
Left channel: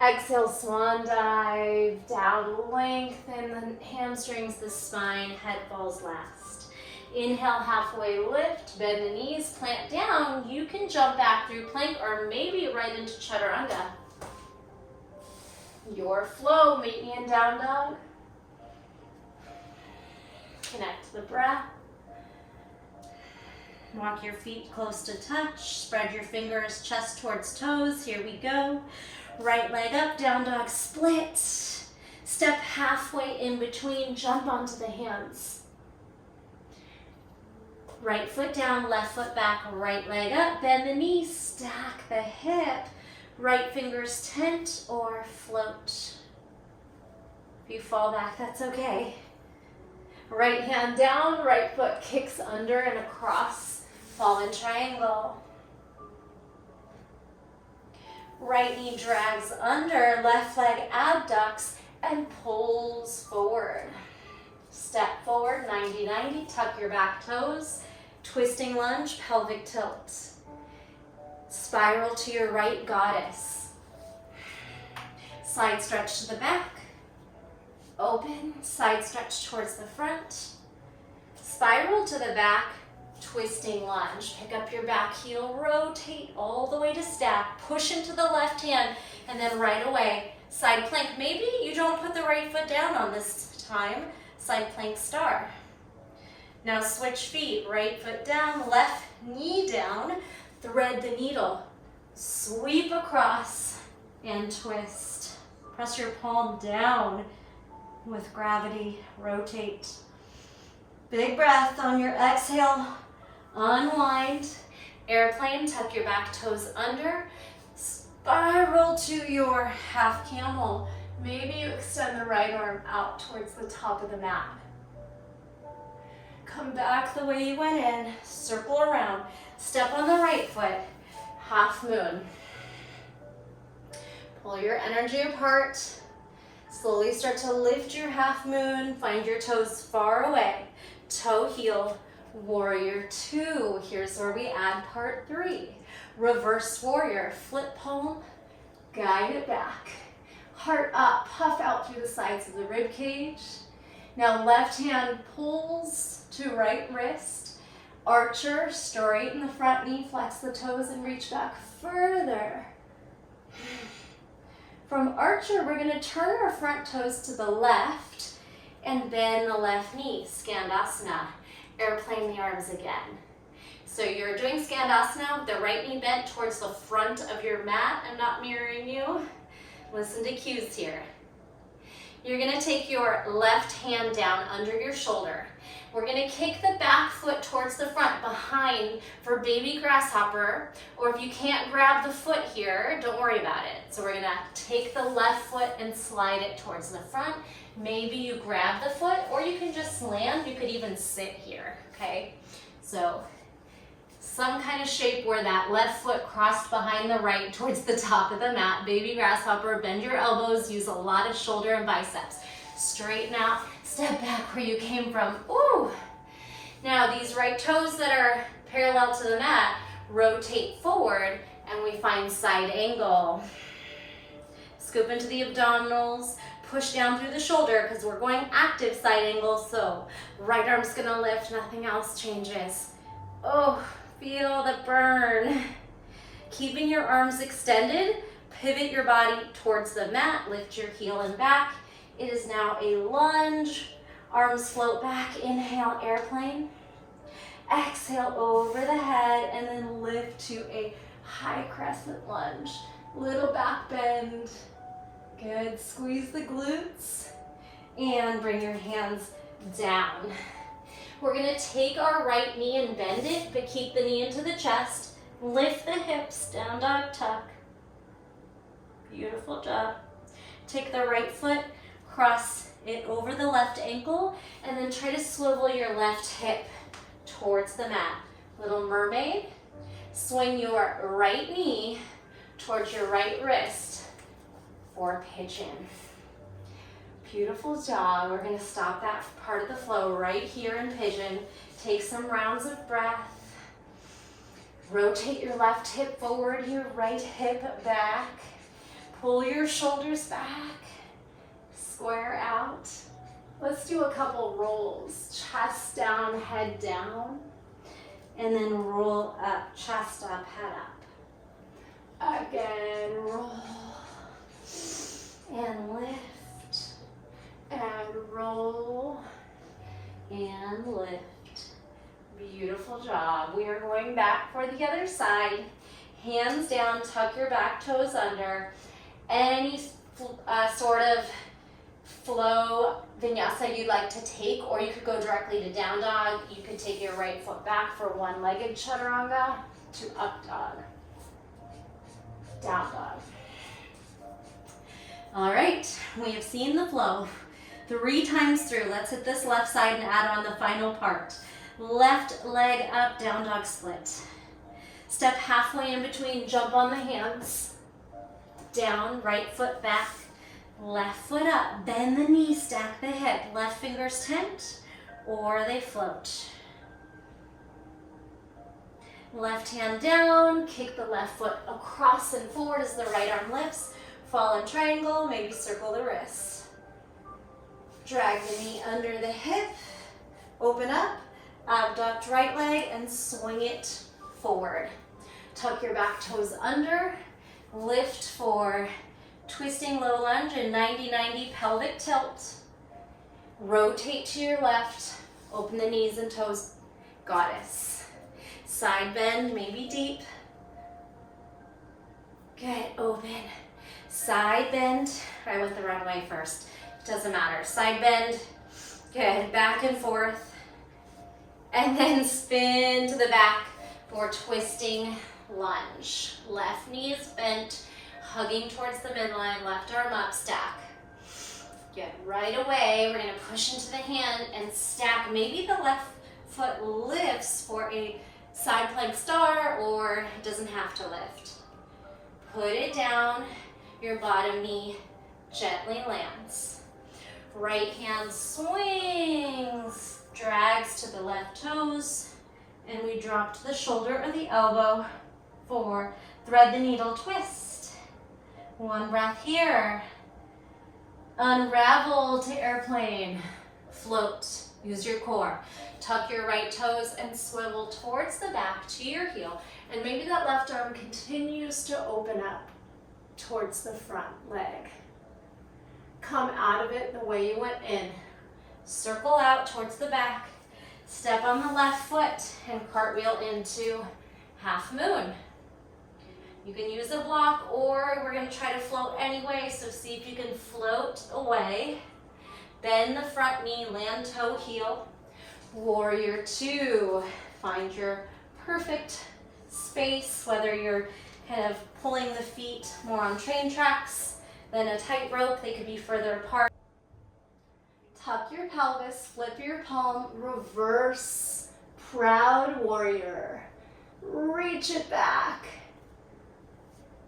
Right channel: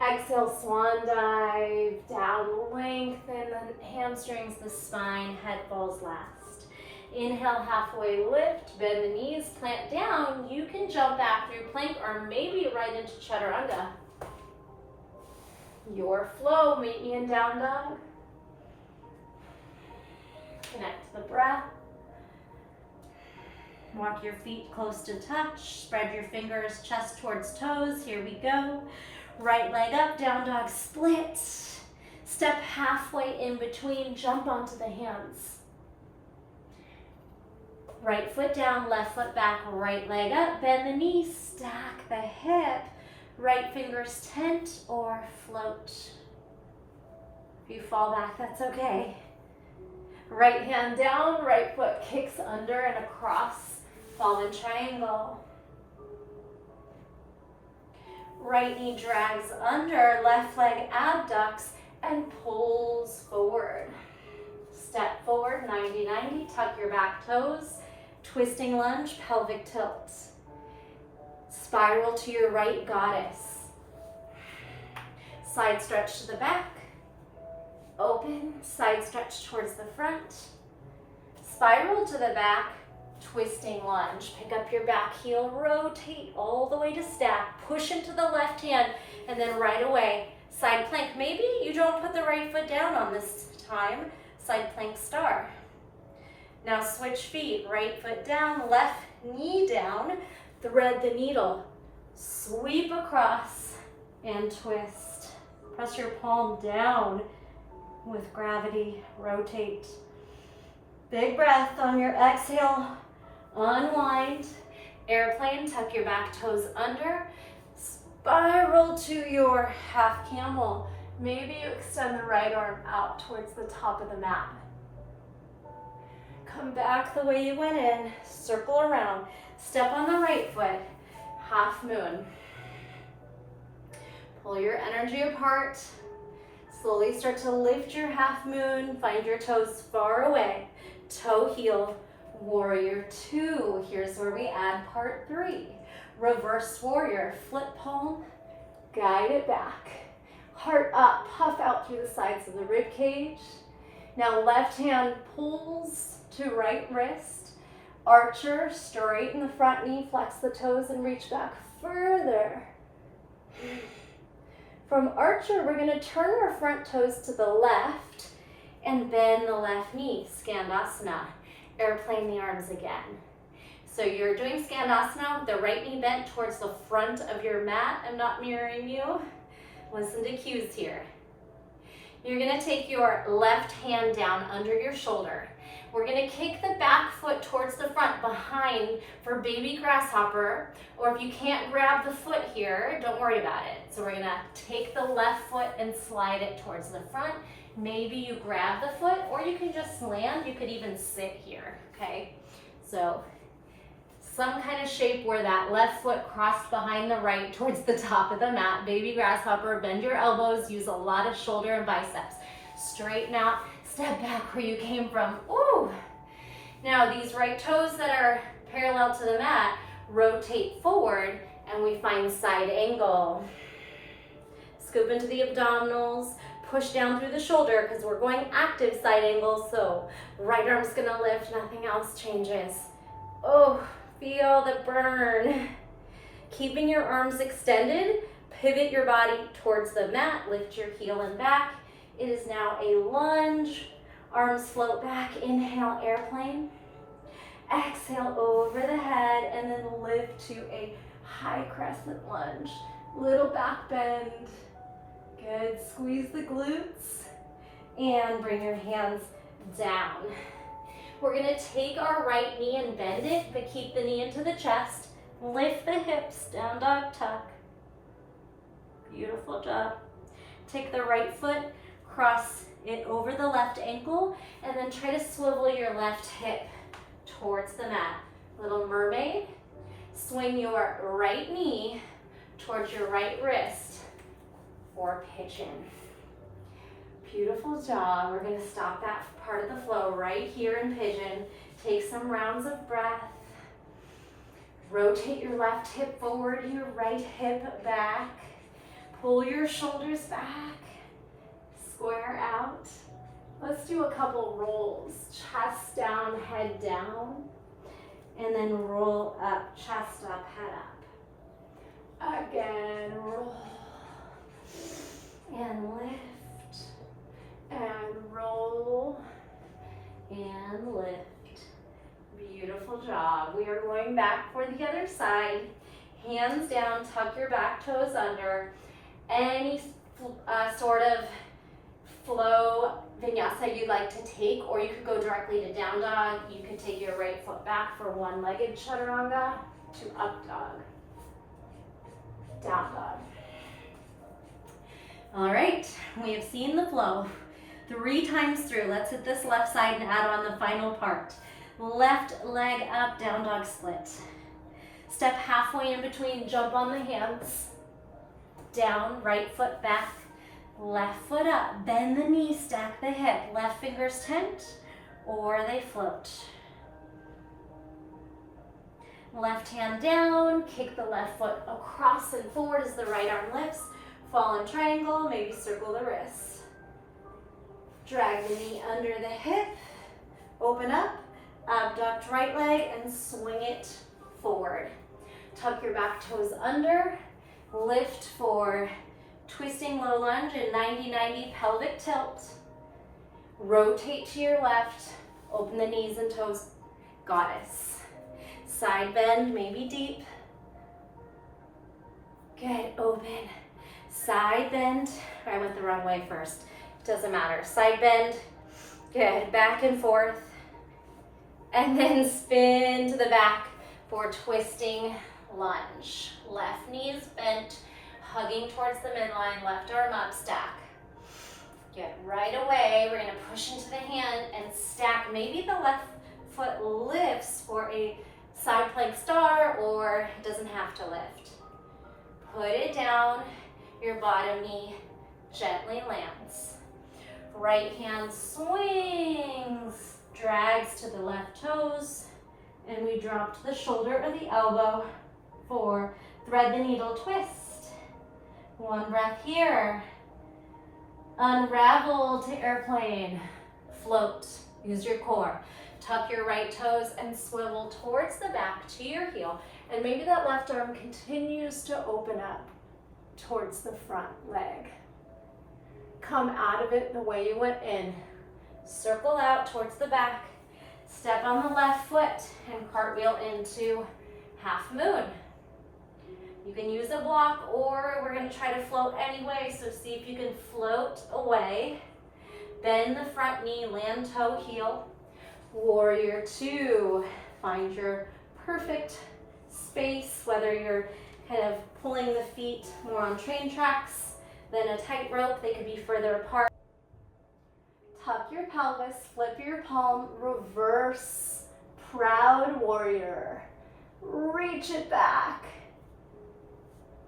Exhale, swan dive, down, lengthen the hamstrings, the spine, head falls last. Inhale, halfway lift, bend the knees, plant down. You can jump back through plank or maybe right into chaturanga. Your flow, meet me in down dog. Connect to the breath. Walk your feet close to touch. Spread your fingers, chest towards toes. Here we go. Right leg up, down dog split. Step halfway in between, jump onto the hands. Right foot down, left foot back, right leg up, bend the knee, stack the hip. Right fingers tent or float. If you fall back, that's okay. Right hand down, right foot kicks under and across, fallen triangle. Right knee drags under, left leg abducts and pulls forward. Step forward, 90-90, tuck your back toes, twisting lunge, pelvic tilt. Spiral to your right, goddess. Side stretch to the back. Open, side stretch towards the front. Spiral to the back, twisting lunge. Pick up your back heel, rotate all the way to stack. Push into the left hand, and then right away, side plank. Maybe you don't put the right foot down on this time. Side plank star. Now switch feet, right foot down, left knee down. Thread the needle, sweep across and twist. Press your palm down with gravity, rotate. Big breath on your exhale, unwind. Airplane, tuck your back toes under. Spiral to your half camel. Maybe you extend the right arm out towards the top of the mat. Come back the way you went in, circle around. Step on the right foot, half moon. Pull your energy apart. Slowly start to lift your half moon. Find your toes far away. Toe heel, warrior two. Here's where we add part three. Reverse warrior, flip palm, guide it back. Heart up, puff out through the sides of the rib cage. Now left hand pulls to right wrist. Archer, straighten the front knee, flex the toes and reach back further. From archer, we're going to turn our front toes to the left and bend the left knee, Skandasana. Airplane the arms again. So you're doing Skandasana with the right knee bent towards the front of your mat. I'm not mirroring you. Listen to cues here. You're going to take your left hand down under your shoulder. We're going to kick the back foot towards the front behind for baby grasshopper, or if you can't grab the foot here, don't worry about it. So we're going to take the left foot and slide it towards the front. Maybe you grab the foot, or you can just land. You could even sit here, okay? So some kind of shape where that left foot crossed behind the right towards the top of the mat. Baby grasshopper, bend your elbows, use a lot of shoulder and biceps. Straighten out, step back where you came from. Ooh. Now these right toes that are parallel to the mat, rotate forward and we find side angle. Scoop into the abdominals, push down through the shoulder because we're going active side angle. So right arm's gonna lift, nothing else changes. Oh, feel the burn. Keeping your arms extended, pivot your body towards the mat, lift your heel and back. It is now a lunge. Arms float back. Inhale, airplane. Exhale over the head and then lift to a high crescent lunge. Little back bend. Good. Squeeze the glutes and bring your hands down. We're going to take our right knee and bend it, but keep the knee into the chest. Lift the hips, down dog tuck. Beautiful job. Take the right foot, cross it over the left ankle, and then try to swivel your left hip towards the mat. Little mermaid. Swing your right knee towards your right wrist for pigeon. Beautiful job. We're going to stop that part of the flow right here in pigeon. Take some rounds of breath. Rotate your left hip forward, your right hip back. Pull your shoulders back. Square out. Let's do a couple rolls. Chest down, head down. And then roll up, chest up, head up. Again, roll. And lift. And roll. And lift. Beautiful job. We are going back for the other side. Hands down, tuck your back toes under. Any sort of flow vinyasa you'd like to take, or you could go directly to down dog. You could take your right foot back for one-legged chaturanga to up dog, down dog. All right, we have seen the flow 3 times through. Let's hit this left side and add on the final part. Left leg up, down dog split. Step halfway in between, jump on the hands. Down, right foot back, left foot up. Bend the knee, stack the hip. Left fingers tent or they float. Left hand down, kick the left foot across and forward as the right arm lifts. Fall in triangle, maybe circle the wrists. Drag the knee under the hip, open up, abduct right leg and swing it forward. Tuck your back toes under, lift for twisting low lunge and 90-90 pelvic tilt. Rotate to your left, open the knees and toes, goddess. Side bend, maybe deep. Good, open. Side bend, I went the wrong way first. Doesn't matter, side bend, good, back and forth. And then spin to the back for twisting lunge. Left knee is bent, hugging towards the midline, left arm up, stack. Good, right away, we're gonna push into the hand and stack. Maybe the left foot lifts for a side plank star, or it doesn't have to lift. Put it down, your bottom knee gently lands. Right hand swings, drags to the left toes, and we drop to the shoulder or the elbow for thread the needle twist. One breath here. Unravel to airplane. Float, use your core. Tuck your right toes and swivel towards the back to your heel. And maybe that left arm continues to open up towards the front leg. Come out of it the way you went in. Circle out towards the back. Step on the left foot and cartwheel into half moon. You can use a block, or we're gonna try to float anyway, so see if you can float away. Bend the front knee, land toe, heel. Warrior 2. Find your perfect space, whether you're kind of pulling the feet more on train tracks than a tightrope. They could be further apart. Tuck your pelvis, flip your palm, reverse, proud warrior. Reach it back.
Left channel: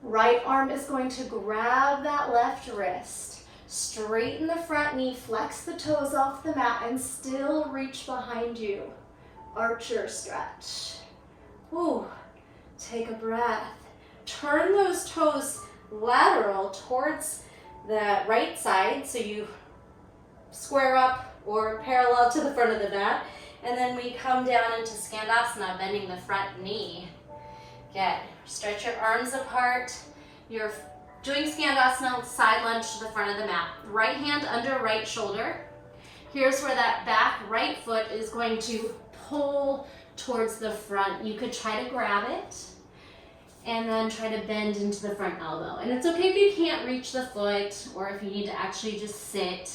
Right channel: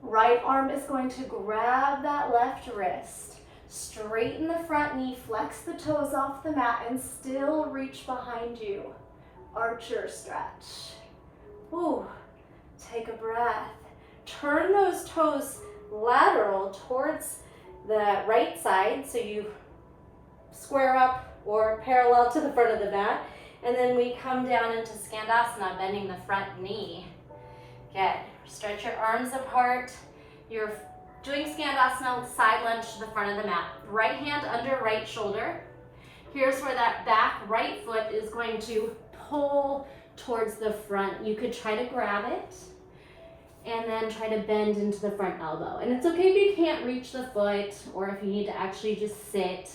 Right arm is going to grab that left wrist. Straighten the front knee, flex the toes off the mat, and still reach behind you. Archer stretch. Ooh, take a breath. Turn those toes lateral towards the right side, so you square up or parallel to the front of the mat. And then we come down into Skandasana, bending the front knee. Good. Stretch your arms apart. You're doing Skandasana, side lunge to the front of the mat. Right hand under right shoulder. Here's where that back right foot is going to pull towards the front. You could try to grab it and then try to bend into the front elbow. And it's okay if you can't reach the foot, or if you need to actually just sit.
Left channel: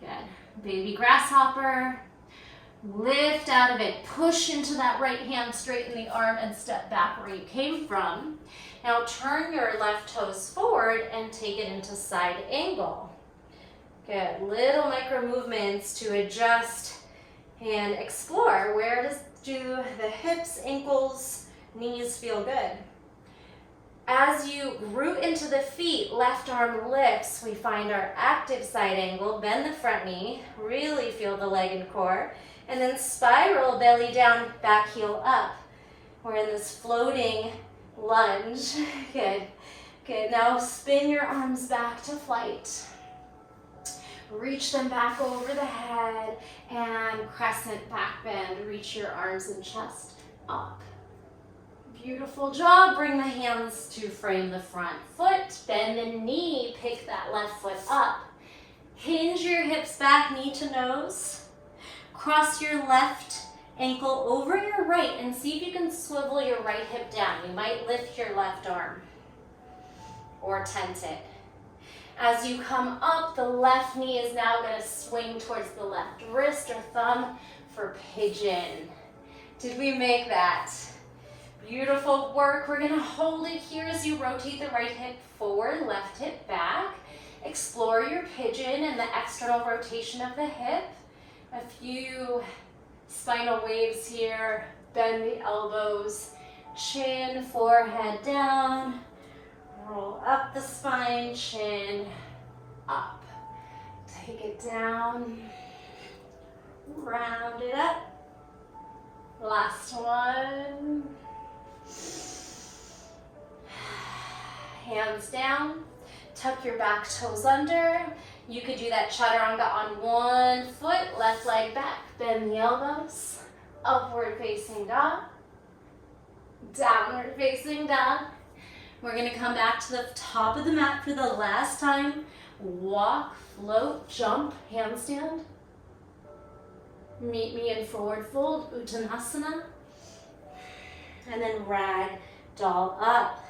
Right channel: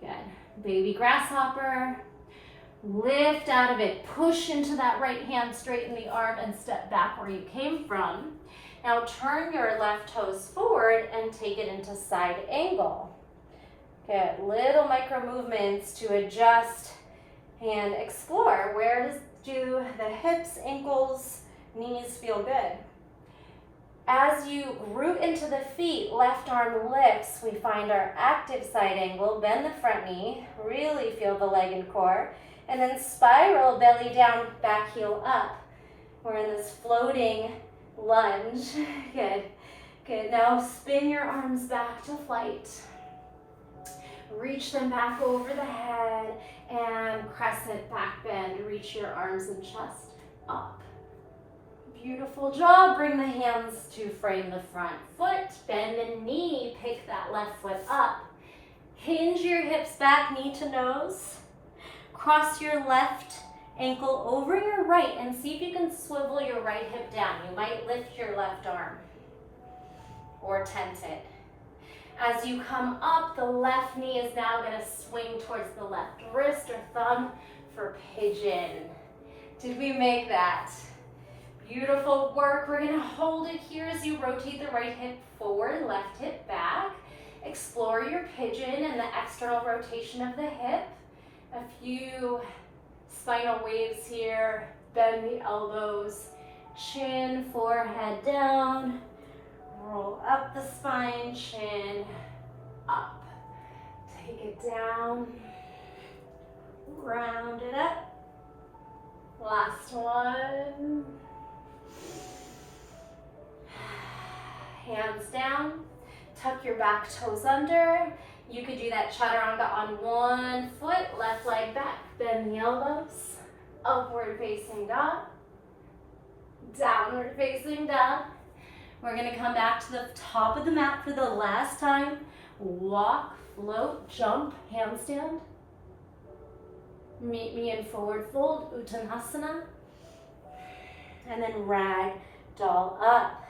Good. Baby grasshopper. Lift out of it. Push into that right hand, straighten the arm, and step back where you came from. Now turn your left toes forward and take it into side angle. Good. Little micro movements to adjust and explore. Where do the hips, ankles, knees feel good? As you root into the feet, left arm lifts. We find our active side angle. Bend the front knee. Really feel the leg and core. And then spiral, belly down, back heel up. We're in this floating lunge. Good. Good. Now spin your arms back to flight. Reach them back over the head and crescent back bend. Reach your arms and chest up. Beautiful job. Bring the hands to frame the front foot. Bend the knee. Pick that left foot up. Hinge your hips back, knee to nose. Cross your left ankle over your right and see if you can swivel your right hip down. You might lift your left arm or tent it. As you come up, the left knee is now going to swing towards the left wrist or thumb for pigeon. Did we make that? Beautiful work. We're going to hold it here as you rotate the right hip forward, left hip back. Explore your pigeon and the external rotation of the hip. A few spinal waves here. Bend the elbows, chin, forehead down. Roll up the spine, chin up. Take it down. Round it up. Last one. Hands down. Tuck your back toes under. You could do that chaturanga on one foot, left leg back. Bend the elbows. Upward facing dog. Downward facing dog. We're gonna come back to the top of the mat for the last time. Walk, float, jump, handstand. Meet me in forward fold, Uttanasana. And then rag doll up.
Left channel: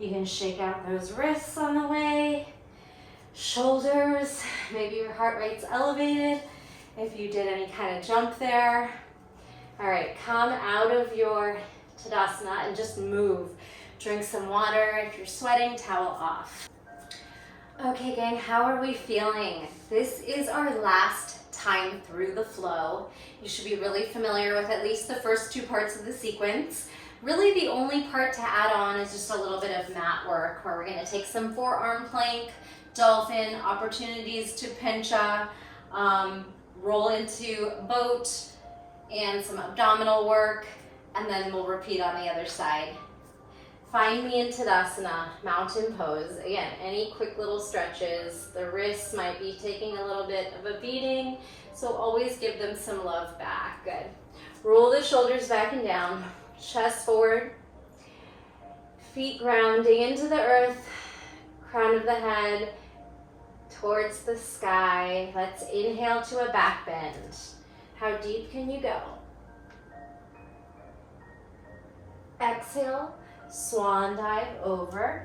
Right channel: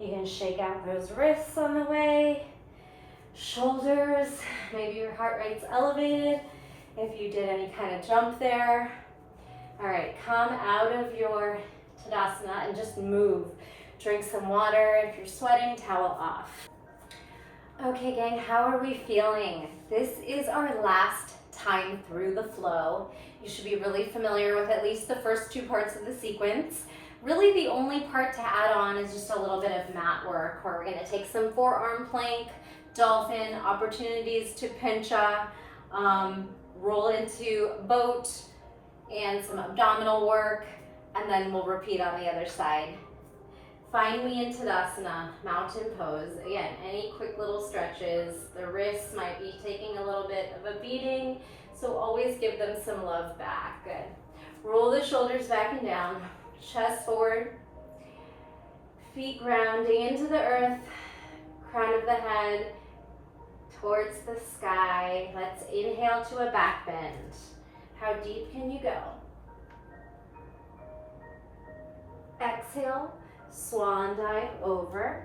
You can shake out those wrists on the way. Shoulders, maybe your heart rate's elevated if you did any kind of jump there. All right, come out of your Tadasana and just move. Drink some water. If you're sweating, towel off. Okay, gang, how are we feeling? This is our last time through the flow. You should be really familiar with at least the first two parts of the sequence. Really, the only part to add on is just a little bit of mat work, where we're gonna take some forearm plank, dolphin, opportunities to pincha, roll into boat, and some abdominal work, and then we'll repeat on the other side. Find me in Tadasana, mountain pose. Again, any quick little stretches. The wrists might be taking a little bit of a beating, so always give them some love back. Good. Roll the shoulders back and down, chest forward, feet grounding into the earth, crown of the head towards the sky. Let's inhale to a back bend. How deep can you go? Exhale. Swan dive over.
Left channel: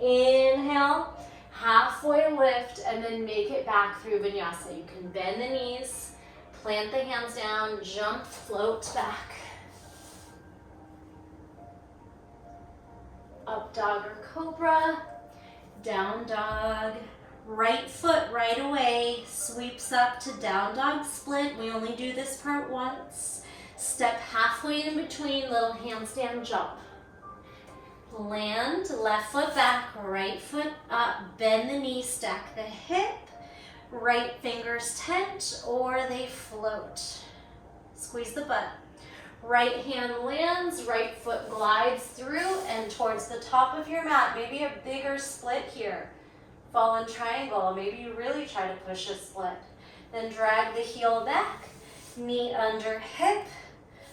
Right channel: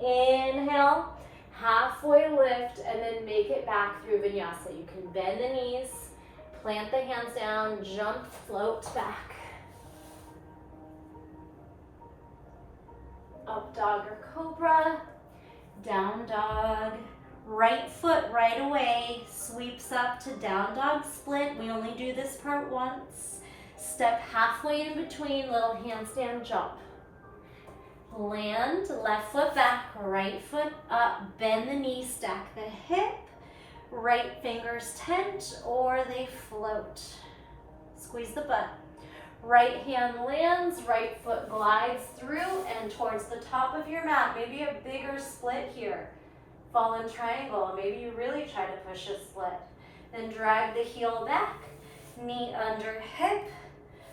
Inhale, halfway lift, and then make it back through vinyasa. You can bend the knees, plant the hands down, jump, float back. Up dog or cobra, down dog. Right foot right away sweeps up to down dog split. We only do this part once. Step halfway in between, little handstand jump. Land, left foot back, right foot up, bend the knee, stack the hip. Right fingers tent or they float. Squeeze the butt. Right hand lands, right foot glides through and towards the top of your mat. Maybe a bigger split here. Fallen triangle, maybe you really try to push a split. Then drag the heel back, knee under hip.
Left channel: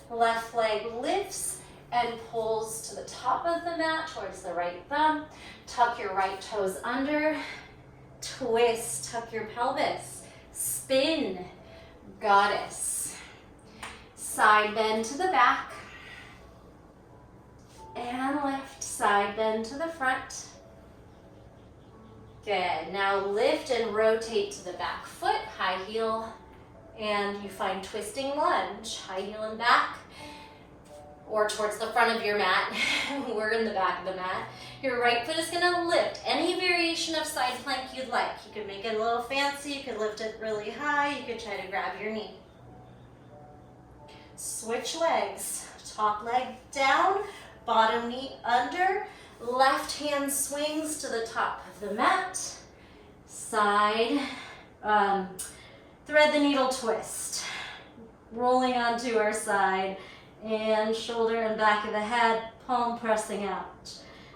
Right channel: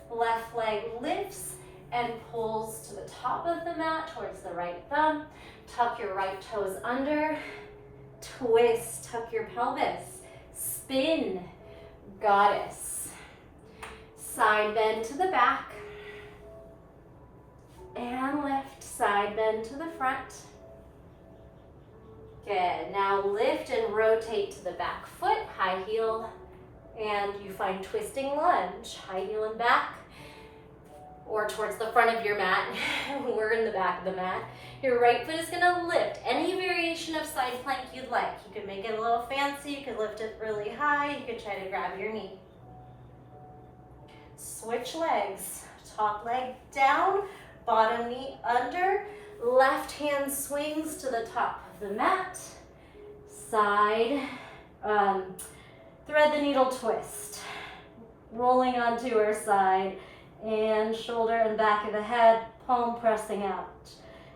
Left leg lifts and pulls to the top of the mat towards the right thumb. Tuck your right toes under. Twist, tuck your pelvis. Spin, goddess. Side bend to the back. And lift, side bend to the front. Good, now lift and rotate to the back foot, high heel. And you find twisting lunge, high heel and back, or towards the front of your mat. We're in the back of the mat. Your right foot is gonna lift. Any variation of side plank you'd like. You could make it a little fancy, you could lift it really high, you could try to grab your knee. Switch legs. Top leg down, bottom knee under, left hand swings to the top of the mat. Side, thread the needle twist, rolling onto our side, and shoulder and back of the head, palm pressing out.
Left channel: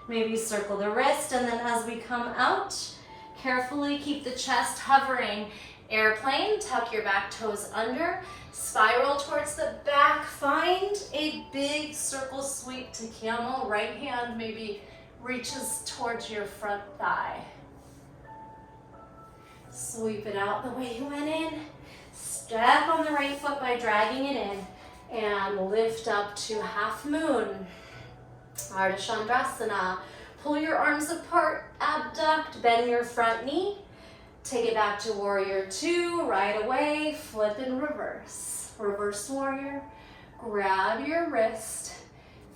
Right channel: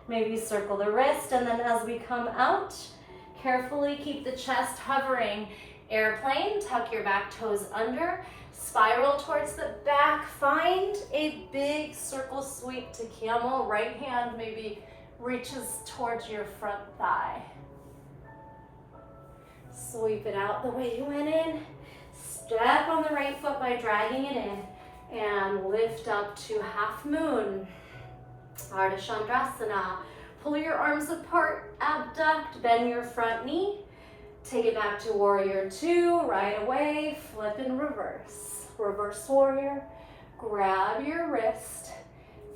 Maybe circle the wrist, and then as we come out, Carefully keep the chest hovering. Airplane, tuck your back toes under, spiral towards the back. Find a big circle sweep to camel. Right hand maybe reaches towards your front thigh. Sweep it out the way you went in. Step on the right foot by dragging it in and lift up to half moon. Ardha Chandrasana. Pull your arms apart, abduct, bend your front knee. Take it back to warrior two, right away, flip and reverse. Reverse warrior, grab your wrist,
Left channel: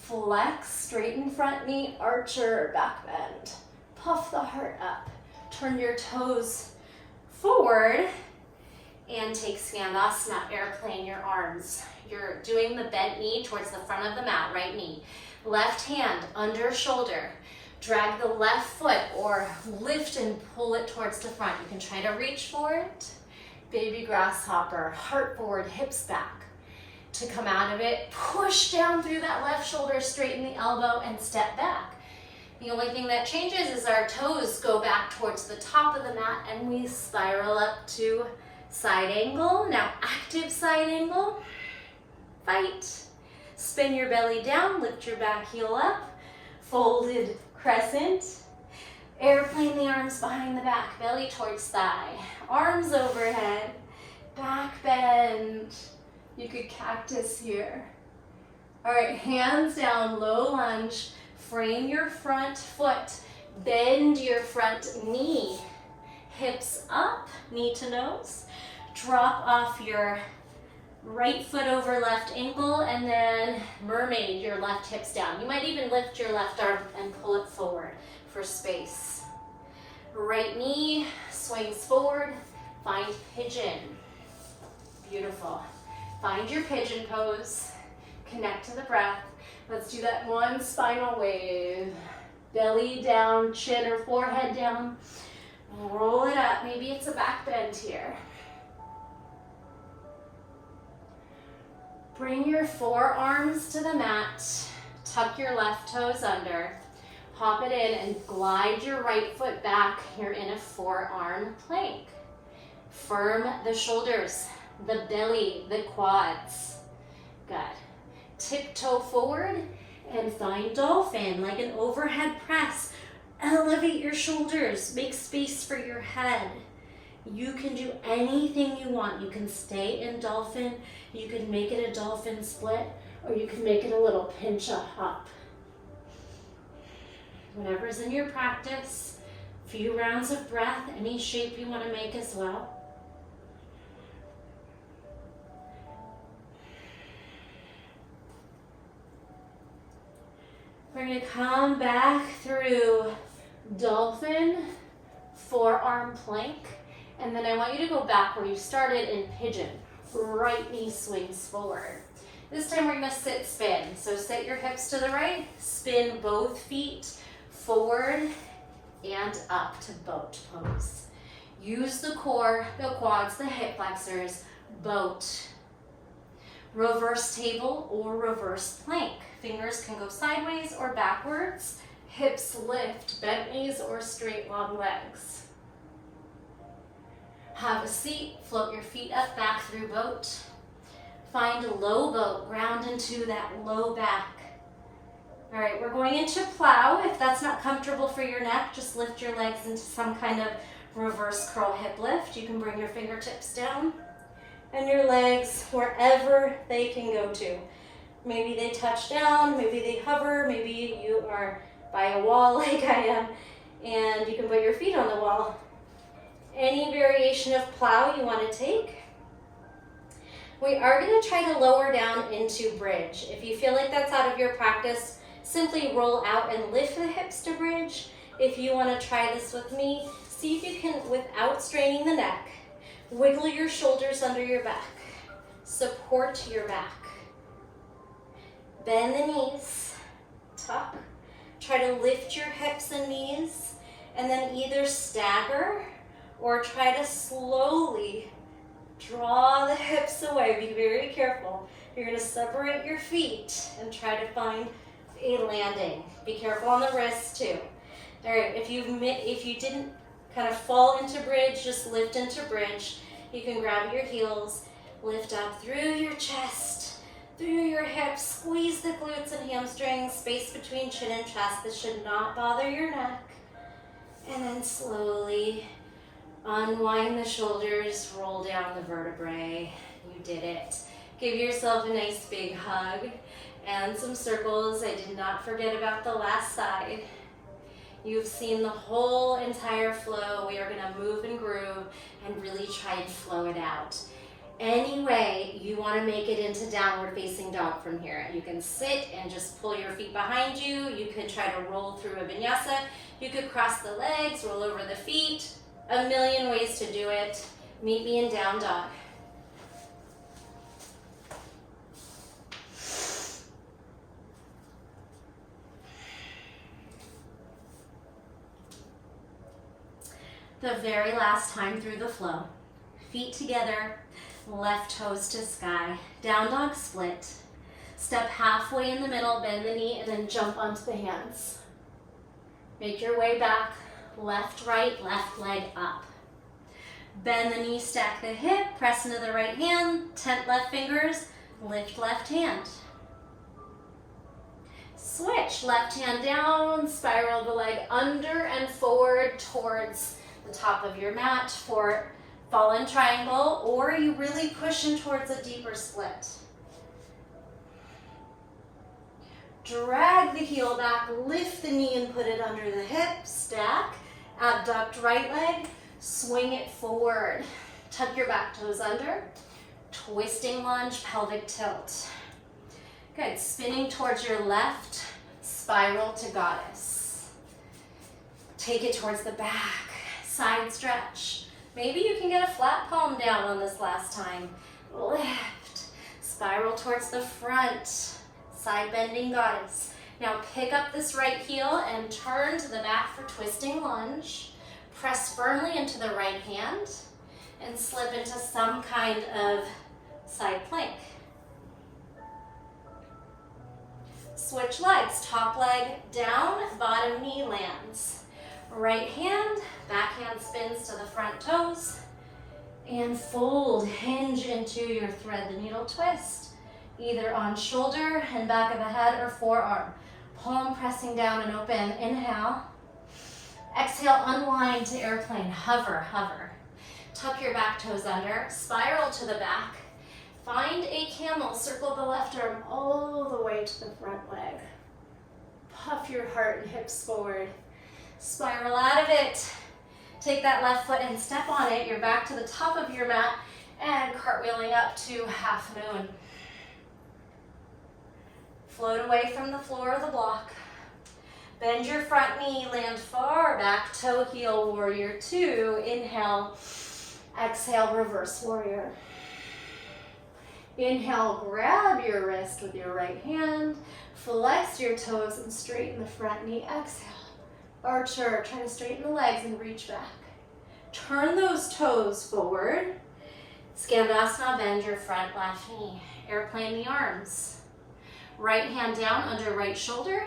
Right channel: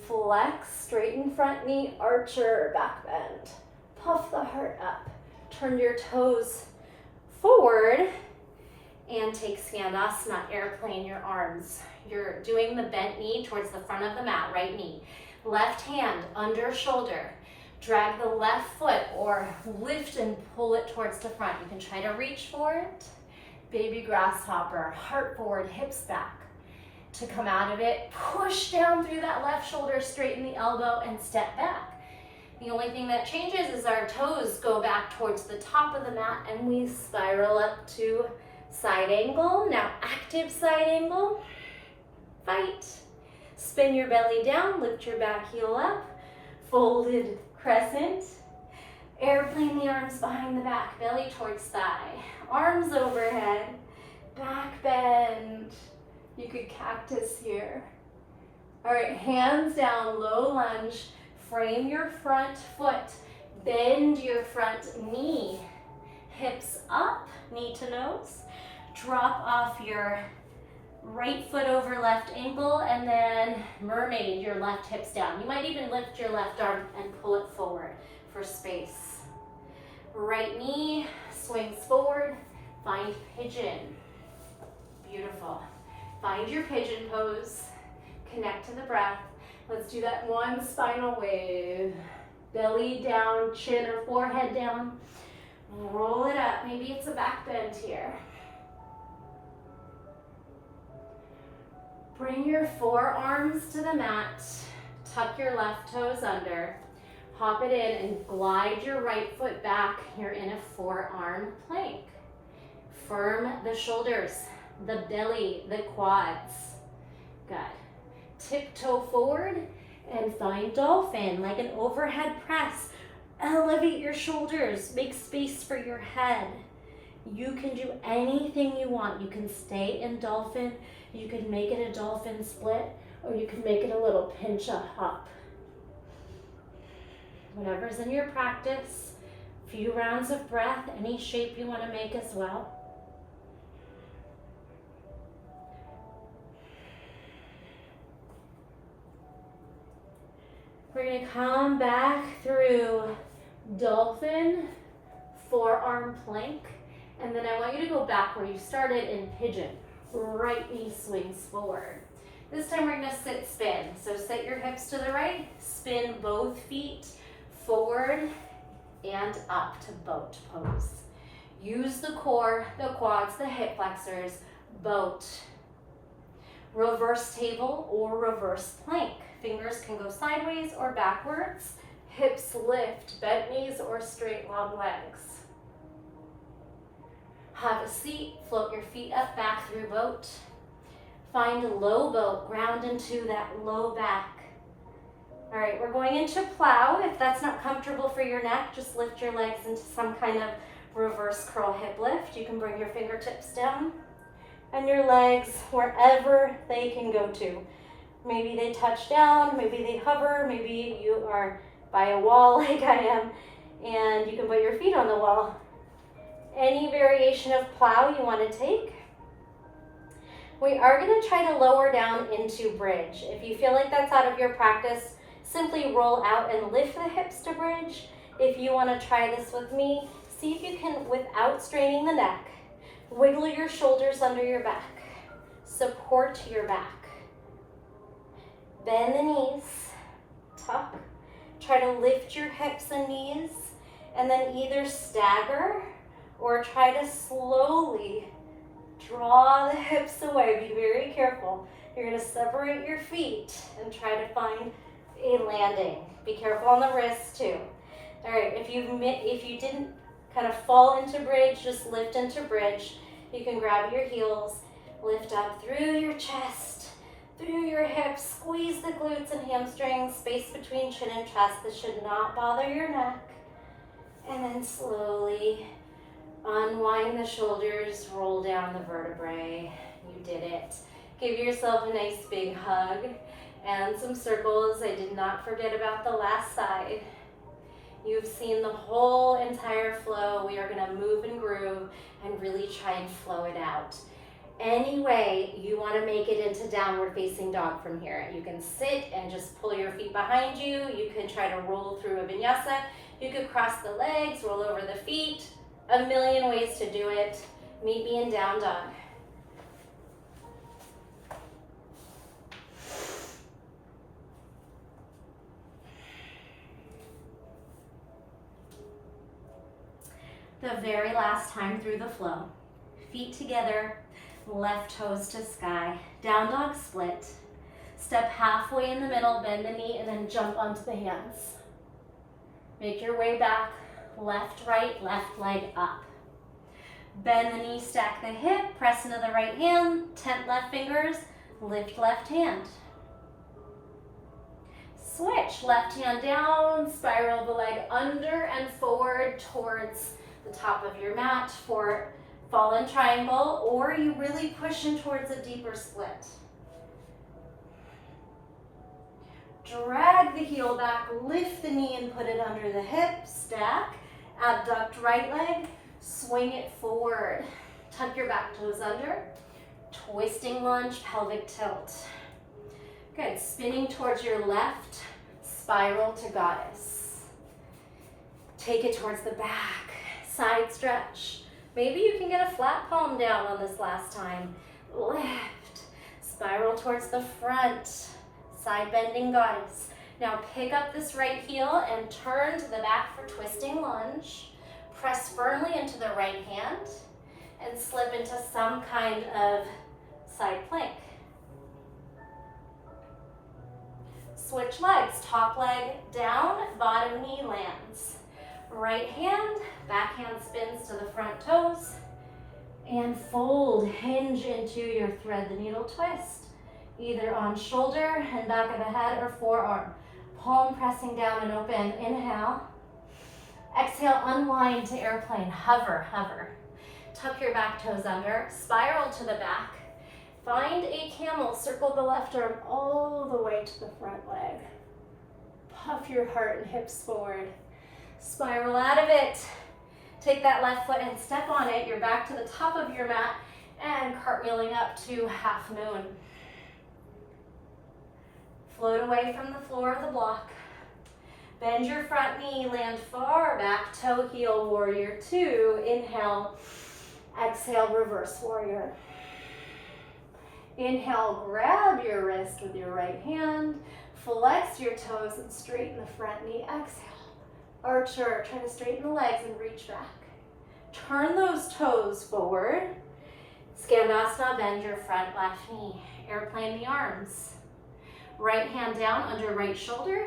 flex, straighten front knee, archer, back bend. Puff the heart up, turn your toes forward and take Skandasana, airplane your arms. You're doing the bent knee towards the front of the mat, right knee. Left hand under shoulder. Drag the left foot or lift and pull it towards the front. You can try to reach for it. Baby grasshopper, heart forward, hips back. To come out of it, push down through that left shoulder, straighten the elbow and step back. The only thing that changes is our toes go back towards the top of the mat and we spiral up to side angle. Now active side angle, fight. Spin your belly down, lift your back heel up, folded crescent. Airplane the arms behind the back, belly towards thigh. Arms overhead, back bend. You could cactus here. All right, hands down, low lunge. Frame your front foot. Bend your front knee. Hips up, knee to nose. Drop off your right foot over left ankle and then mermaid your left hips down. You might even lift your left arm and pull it forward for space. Right knee swings forward, find pigeon. Beautiful. Find your pigeon pose, connect to the breath. Let's do that one spinal wave. Belly down, chin or forehead down. Roll it up, maybe it's a back bend here. Bring your forearms to the mat, tuck your left toes under, hop it in and glide your right foot back. You're in a forearm plank. Firm the shoulders, the belly, the quads. Good. Tiptoe forward and find dolphin, like an overhead press. Elevate your shoulders, make space for your head. You can do anything you want. You can stay in dolphin, you can make it a dolphin split, or you can make it a little pincha hop. Whatever's in your practice, few rounds of breath, any shape you want to make as well. We're going to come back through dolphin, forearm plank, and then I want you to go back where you started in pigeon. Right knee swings forward. This time we're going to sit spin. So set your hips to the right, spin both feet forward and up to boat pose. Use the core, the quads, the hip flexors, boat. Reverse table or reverse plank. Fingers can go sideways or backwards. Hips lift, bent knees or straight long legs. Have a seat, float your feet up, back through boat. Find a low boat, ground into that low back. All right, we're going into plow. If that's not comfortable for your neck, just lift your legs into some kind of reverse curl hip lift. You can bring your fingertips down and your legs wherever they can go to. Maybe they touch down, maybe they hover, maybe you are by a wall like I am, and you can put your feet on the wall. Any variation of plow you want to take. We are going to try to lower down into bridge. If you feel like that's out of your practice, simply roll out and lift the hips to bridge. If you want to try this with me, see if you can, without straining the neck, wiggle your shoulders under your back. Support your back. Bend the knees, tuck. Try to lift your hips and knees, and then either stagger or try to slowly draw the hips away. Be very careful. You're going to separate your feet and try to find a landing. Be careful on the wrists too. All right, if you didn't kind of fall into bridge, just lift into bridge. You can grab your heels, lift up through your chest, through your hips, squeeze the glutes and hamstrings, space between chin and chest. This should not bother your neck. And then slowly unwind the shoulders, roll down the vertebrae. You did it. Give yourself a nice big hug and some circles. I did not forget about the last side. You've seen the whole entire flow. We are gonna move and groove and really try and flow it out. Any way you wanna make it into downward facing dog from here. You can sit and just pull your feet behind you. You can try to roll through a vinyasa. You could cross the legs, roll over the feet. A million ways to do it. Meet me in down dog. The very last time through the flow. Feet together, left toes to sky. Down dog split. Step halfway in the middle, bend the knee, and then jump onto the hands. Make your way back, left, right, left leg up. Bend the knee, stack the hip, press into the right hand, tent left fingers, lift left hand. Switch, left hand down, spiral the leg under and forward towards the top of your mat for fallen triangle, or you really push in towards a deeper split. Drag the heel back, lift the knee and put it under the hip, stack, abduct right leg, swing it forward. Tuck your back toes under, twisting lunge, pelvic tilt. Good, spinning towards your left, spiral to goddess. Take it towards the back, side stretch. Maybe you can get a flat palm down on this last time. Lift, spiral towards the front, side bending goddess. Now pick up this right heel and turn to the back for twisting lunge. Press firmly into the right hand and slip into some kind of side plank. Switch legs, top leg down, bottom knee lands. Right hand, backhand spins to the front toes, and fold, hinge into your thread the needle twist, either on shoulder and back of the head or forearm. Palm pressing down and open, inhale. Exhale, unwind to airplane, hover, hover. Tuck your back toes under, spiral to the back. Find a camel, circle the left arm all the way to the front leg. Puff your heart and hips forward. Spiral out of it. Take that left foot and step on it. You're back to the top of your mat and cartwheeling up to half moon. Float away from the floor of the block. Bend your front knee, land far back, toe heel warrior two. Inhale, exhale, reverse warrior. Inhale, grab your wrist with your right hand, flex your toes and straighten the front knee. Exhale, archer, try to straighten the legs and reach back. Turn those toes forward. Skandasana, bend your front left knee. Airplane the arms. Right hand down under right shoulder,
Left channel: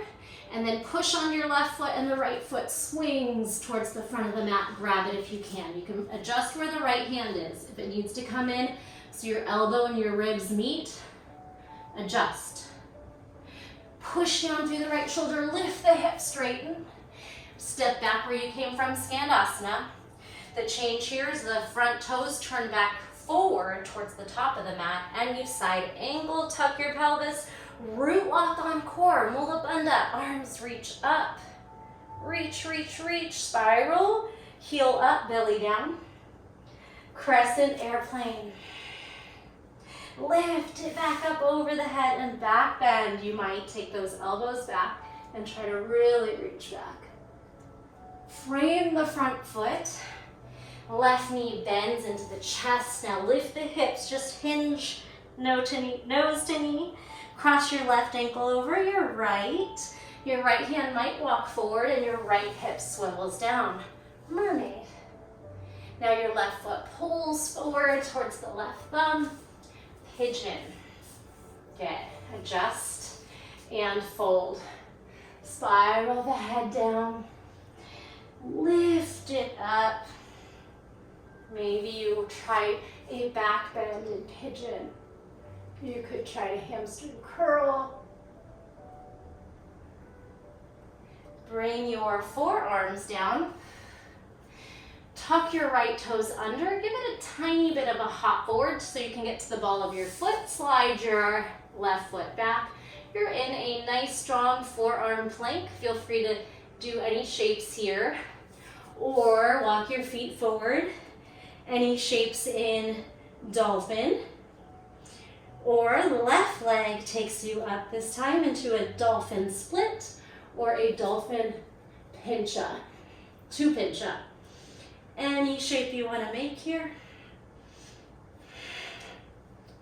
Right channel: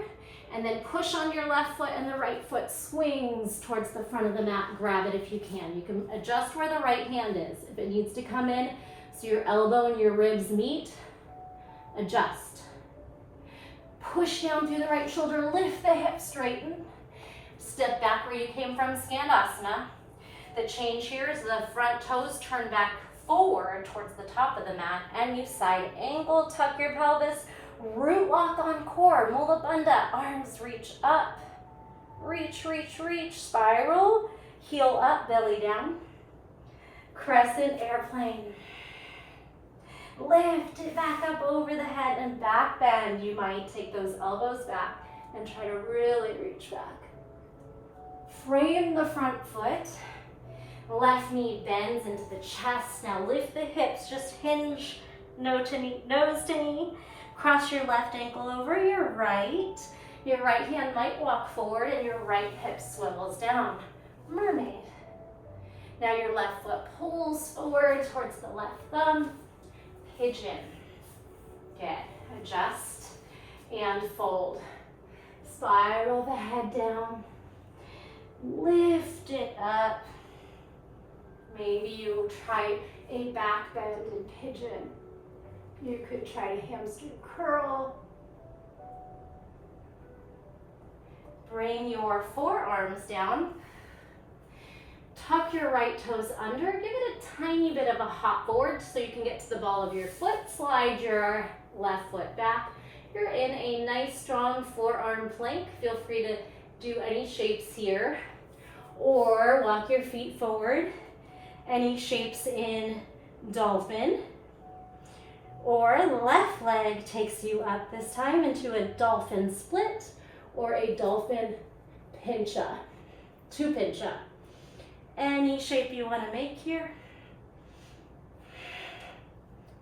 and then push on your left foot and the right foot swings towards the front of the mat. Grab it if you can. You can adjust where the right hand is. If it needs to come in so your elbow and your ribs meet, adjust. Push down through the right shoulder, lift the hips, straighten. Step back where you came from, Skandasana. The change here is the front toes turn back forward towards the top of the mat, and you side angle, tuck your pelvis, root lock on core, Mula Bandha, arms reach up. Reach, reach, reach, spiral, heel up, belly down. Crescent airplane. Lift it back up over the head and back bend. You might take those elbows back and try to really reach back. Frame the front foot. Left knee bends into the chest. Now lift the hips, just hinge nose to knee. Cross your left ankle over your right. Your right hand might walk forward and your right hip swivels down. Mermaid. Now your left foot pulls forward towards the left thumb. Pigeon. Good. Adjust and fold. Spiral the head down. Lift it up. Maybe you try a back bend and pigeon. You could try a hamstring curl. Bring your forearms down. Tuck your right toes under. Give it a tiny bit of a hop forward so you can get to the ball of your foot. Slide your left foot back. You're in a nice, strong forearm plank. Feel free to do any shapes here. Or walk your feet forward. Any shapes in dolphin. Or left leg takes you up this time into a dolphin split or a dolphin pincha, two pincha. Any shape you want to make here.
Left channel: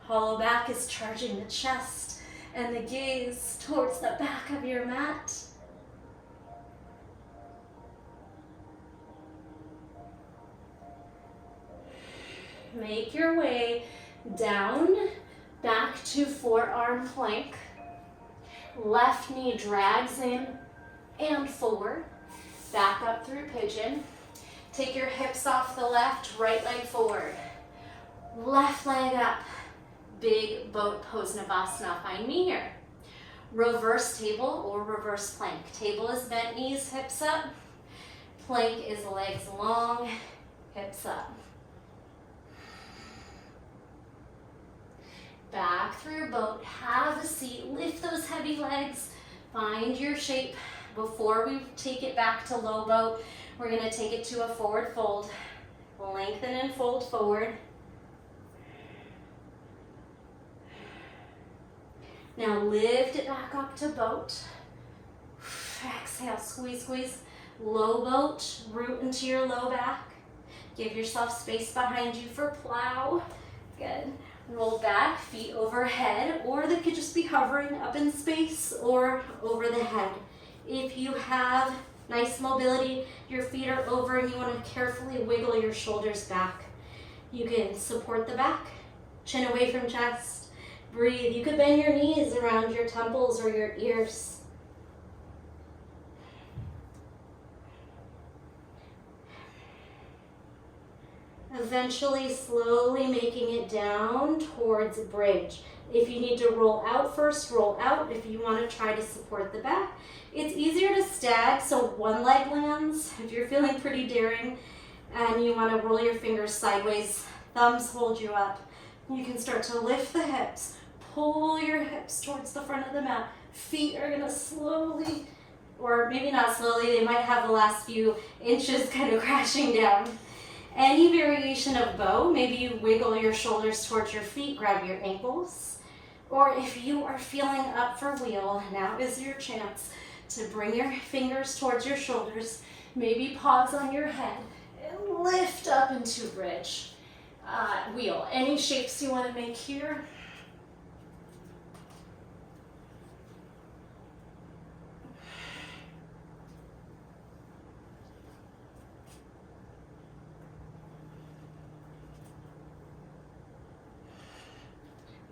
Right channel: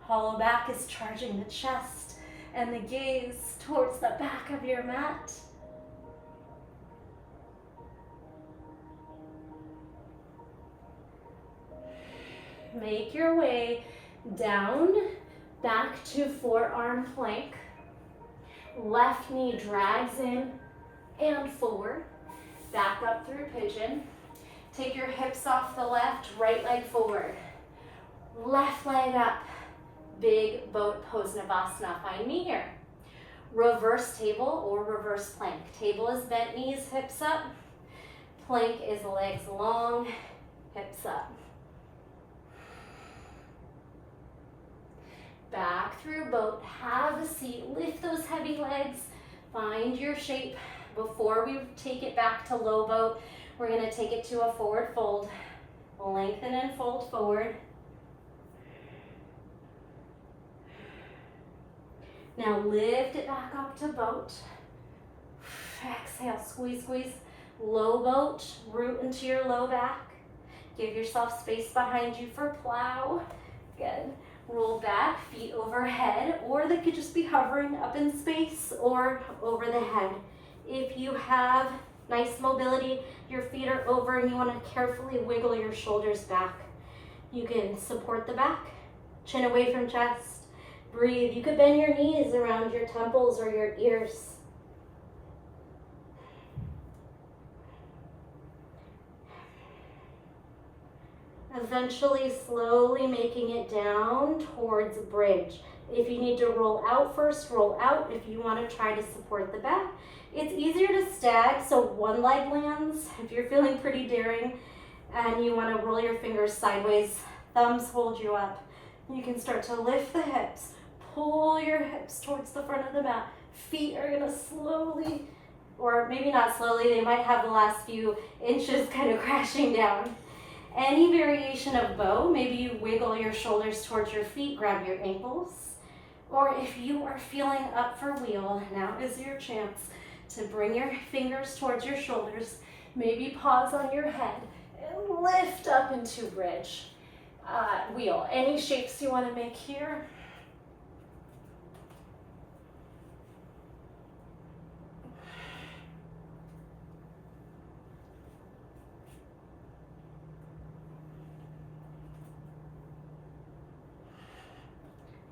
Hollow back is charging the chest and the gaze towards the back of your mat. Make your way down, back to forearm plank. Left knee drags in and forward. Back up through pigeon. Take your hips off the left, right leg forward. Left leg up. Big boat pose Navasana. Find me here. Reverse table or reverse plank. Table is bent knees, hips up. Plank is legs long, hips up. Back through boat, have a seat, lift those heavy legs, find your shape. Before we take it back to low boat, we're gonna take it to a forward fold. Lengthen and fold forward. Now lift it back up to boat. Exhale, squeeze, squeeze. Low boat, root into your low back. Give yourself space behind you for plow. Good. Roll back, feet overhead, or they could just be hovering up in space or over the head. If you have nice mobility, your feet are over and you want to carefully wiggle your shoulders back. You can support the back, chin away from chest, breathe. You could bend your knees around your temples or your ears. Eventually, slowly making it down towards bridge. If you need to roll out first, roll out. If you want to try to support the back, it's easier to stag, so one leg lands. If you're feeling pretty daring and you want to roll your fingers sideways, thumbs hold you up. You can start to lift the hips, pull your hips towards the front of the mat. Feet are going to slowly, or maybe not slowly, they might have the last few inches kind of crashing down. Any variation of bow, maybe you wiggle your shoulders towards your feet, grab your ankles. Or if you are feeling up for wheel, now is your chance to bring your fingers towards your shoulders, maybe pause on your head, and lift up into bridge. Wheel. Any shapes you want to make here?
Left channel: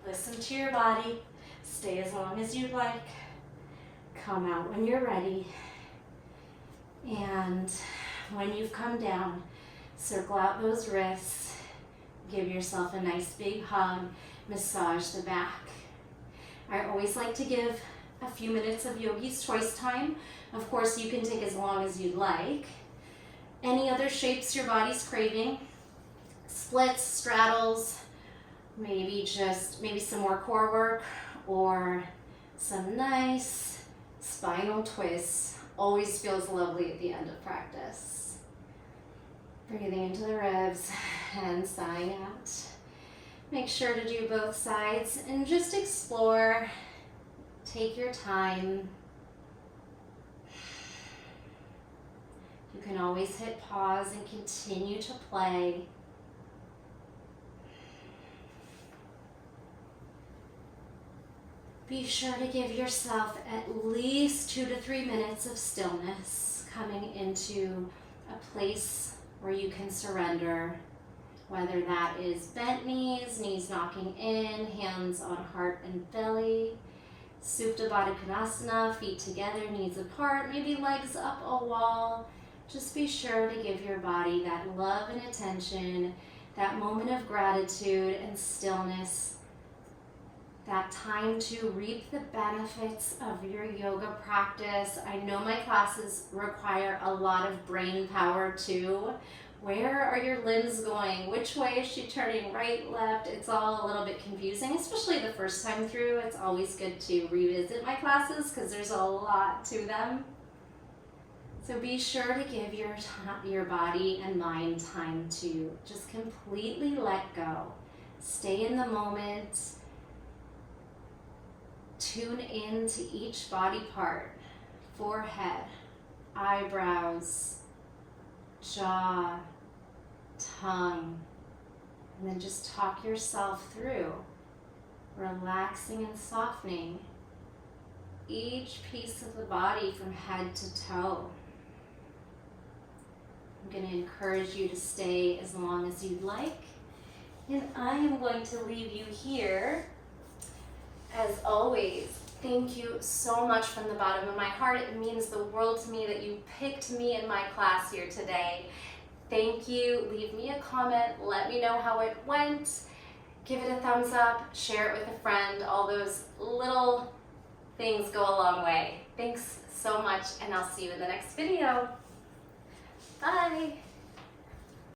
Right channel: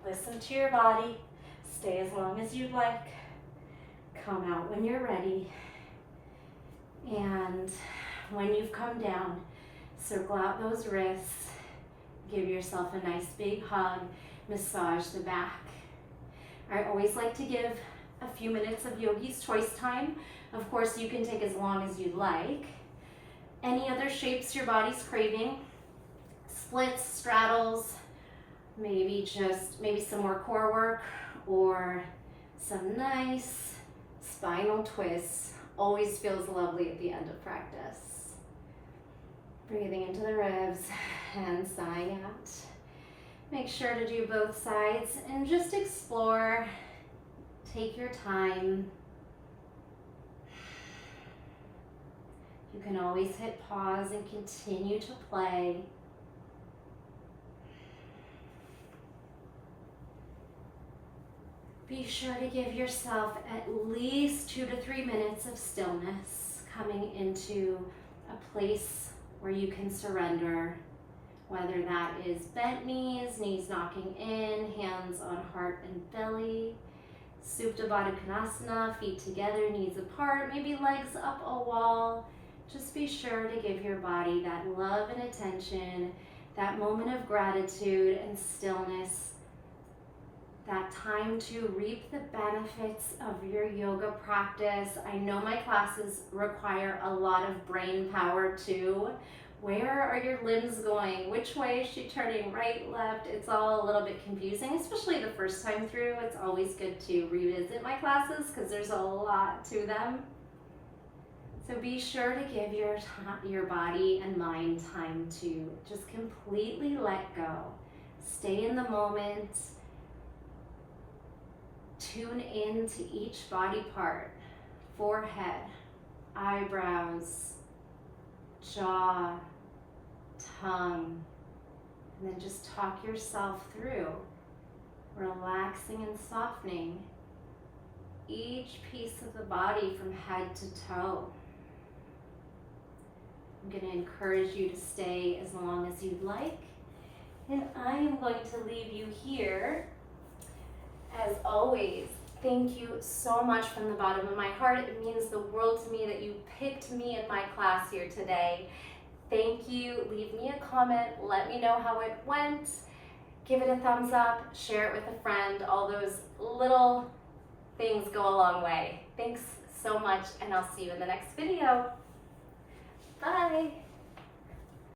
Listen to your body. Stay as long as you'd like. Come out when you're ready. And when you've come down, circle out those wrists. Give yourself a nice big hug. Massage the back. I always like to give a few minutes of yogi's choice time. Of course, you can take as long as you'd like. Any other shapes your body's craving? Splits, straddles, maybe some more core work or some nice spinal twists. Always feels lovely at the end of practice. Breathing into the ribs and sighing out. Make sure to do both sides and just explore. Take your time. You can always hit pause and continue to play. Be sure to give yourself at least 2 to 3 minutes of stillness, coming into a place where you can surrender, whether that is bent knees, knees knocking in, hands on heart and belly, Supta Baddha Konasana, feet together, knees apart, maybe legs up a wall, just be sure to give your body that love and attention, that moment of gratitude and stillness, that time to reap the benefits of your yoga practice. I know my classes require a lot of brain power too. Where are your limbs going? Which way is she turning? Right, left? It's all a little bit confusing, especially the first time through. It's always good to revisit my classes because there's a lot to them. So be sure to give your body and mind time to just completely let go. Stay in the moment. Tune in to each body part, forehead, eyebrows, jaw, tongue, and then just talk yourself through, relaxing and softening each piece of the body from head to toe. I'm going to encourage you to stay as long as you'd like, and I am going to leave you here. As always, thank you so much from the bottom of my heart. It means the world to me that you picked me in my class here today. Thank you. Leave me a comment. Let me know how it went. Give it a thumbs up. Share it with a friend. All those little things go a long way. Thanks so much, and I'll see you in the next video. Bye.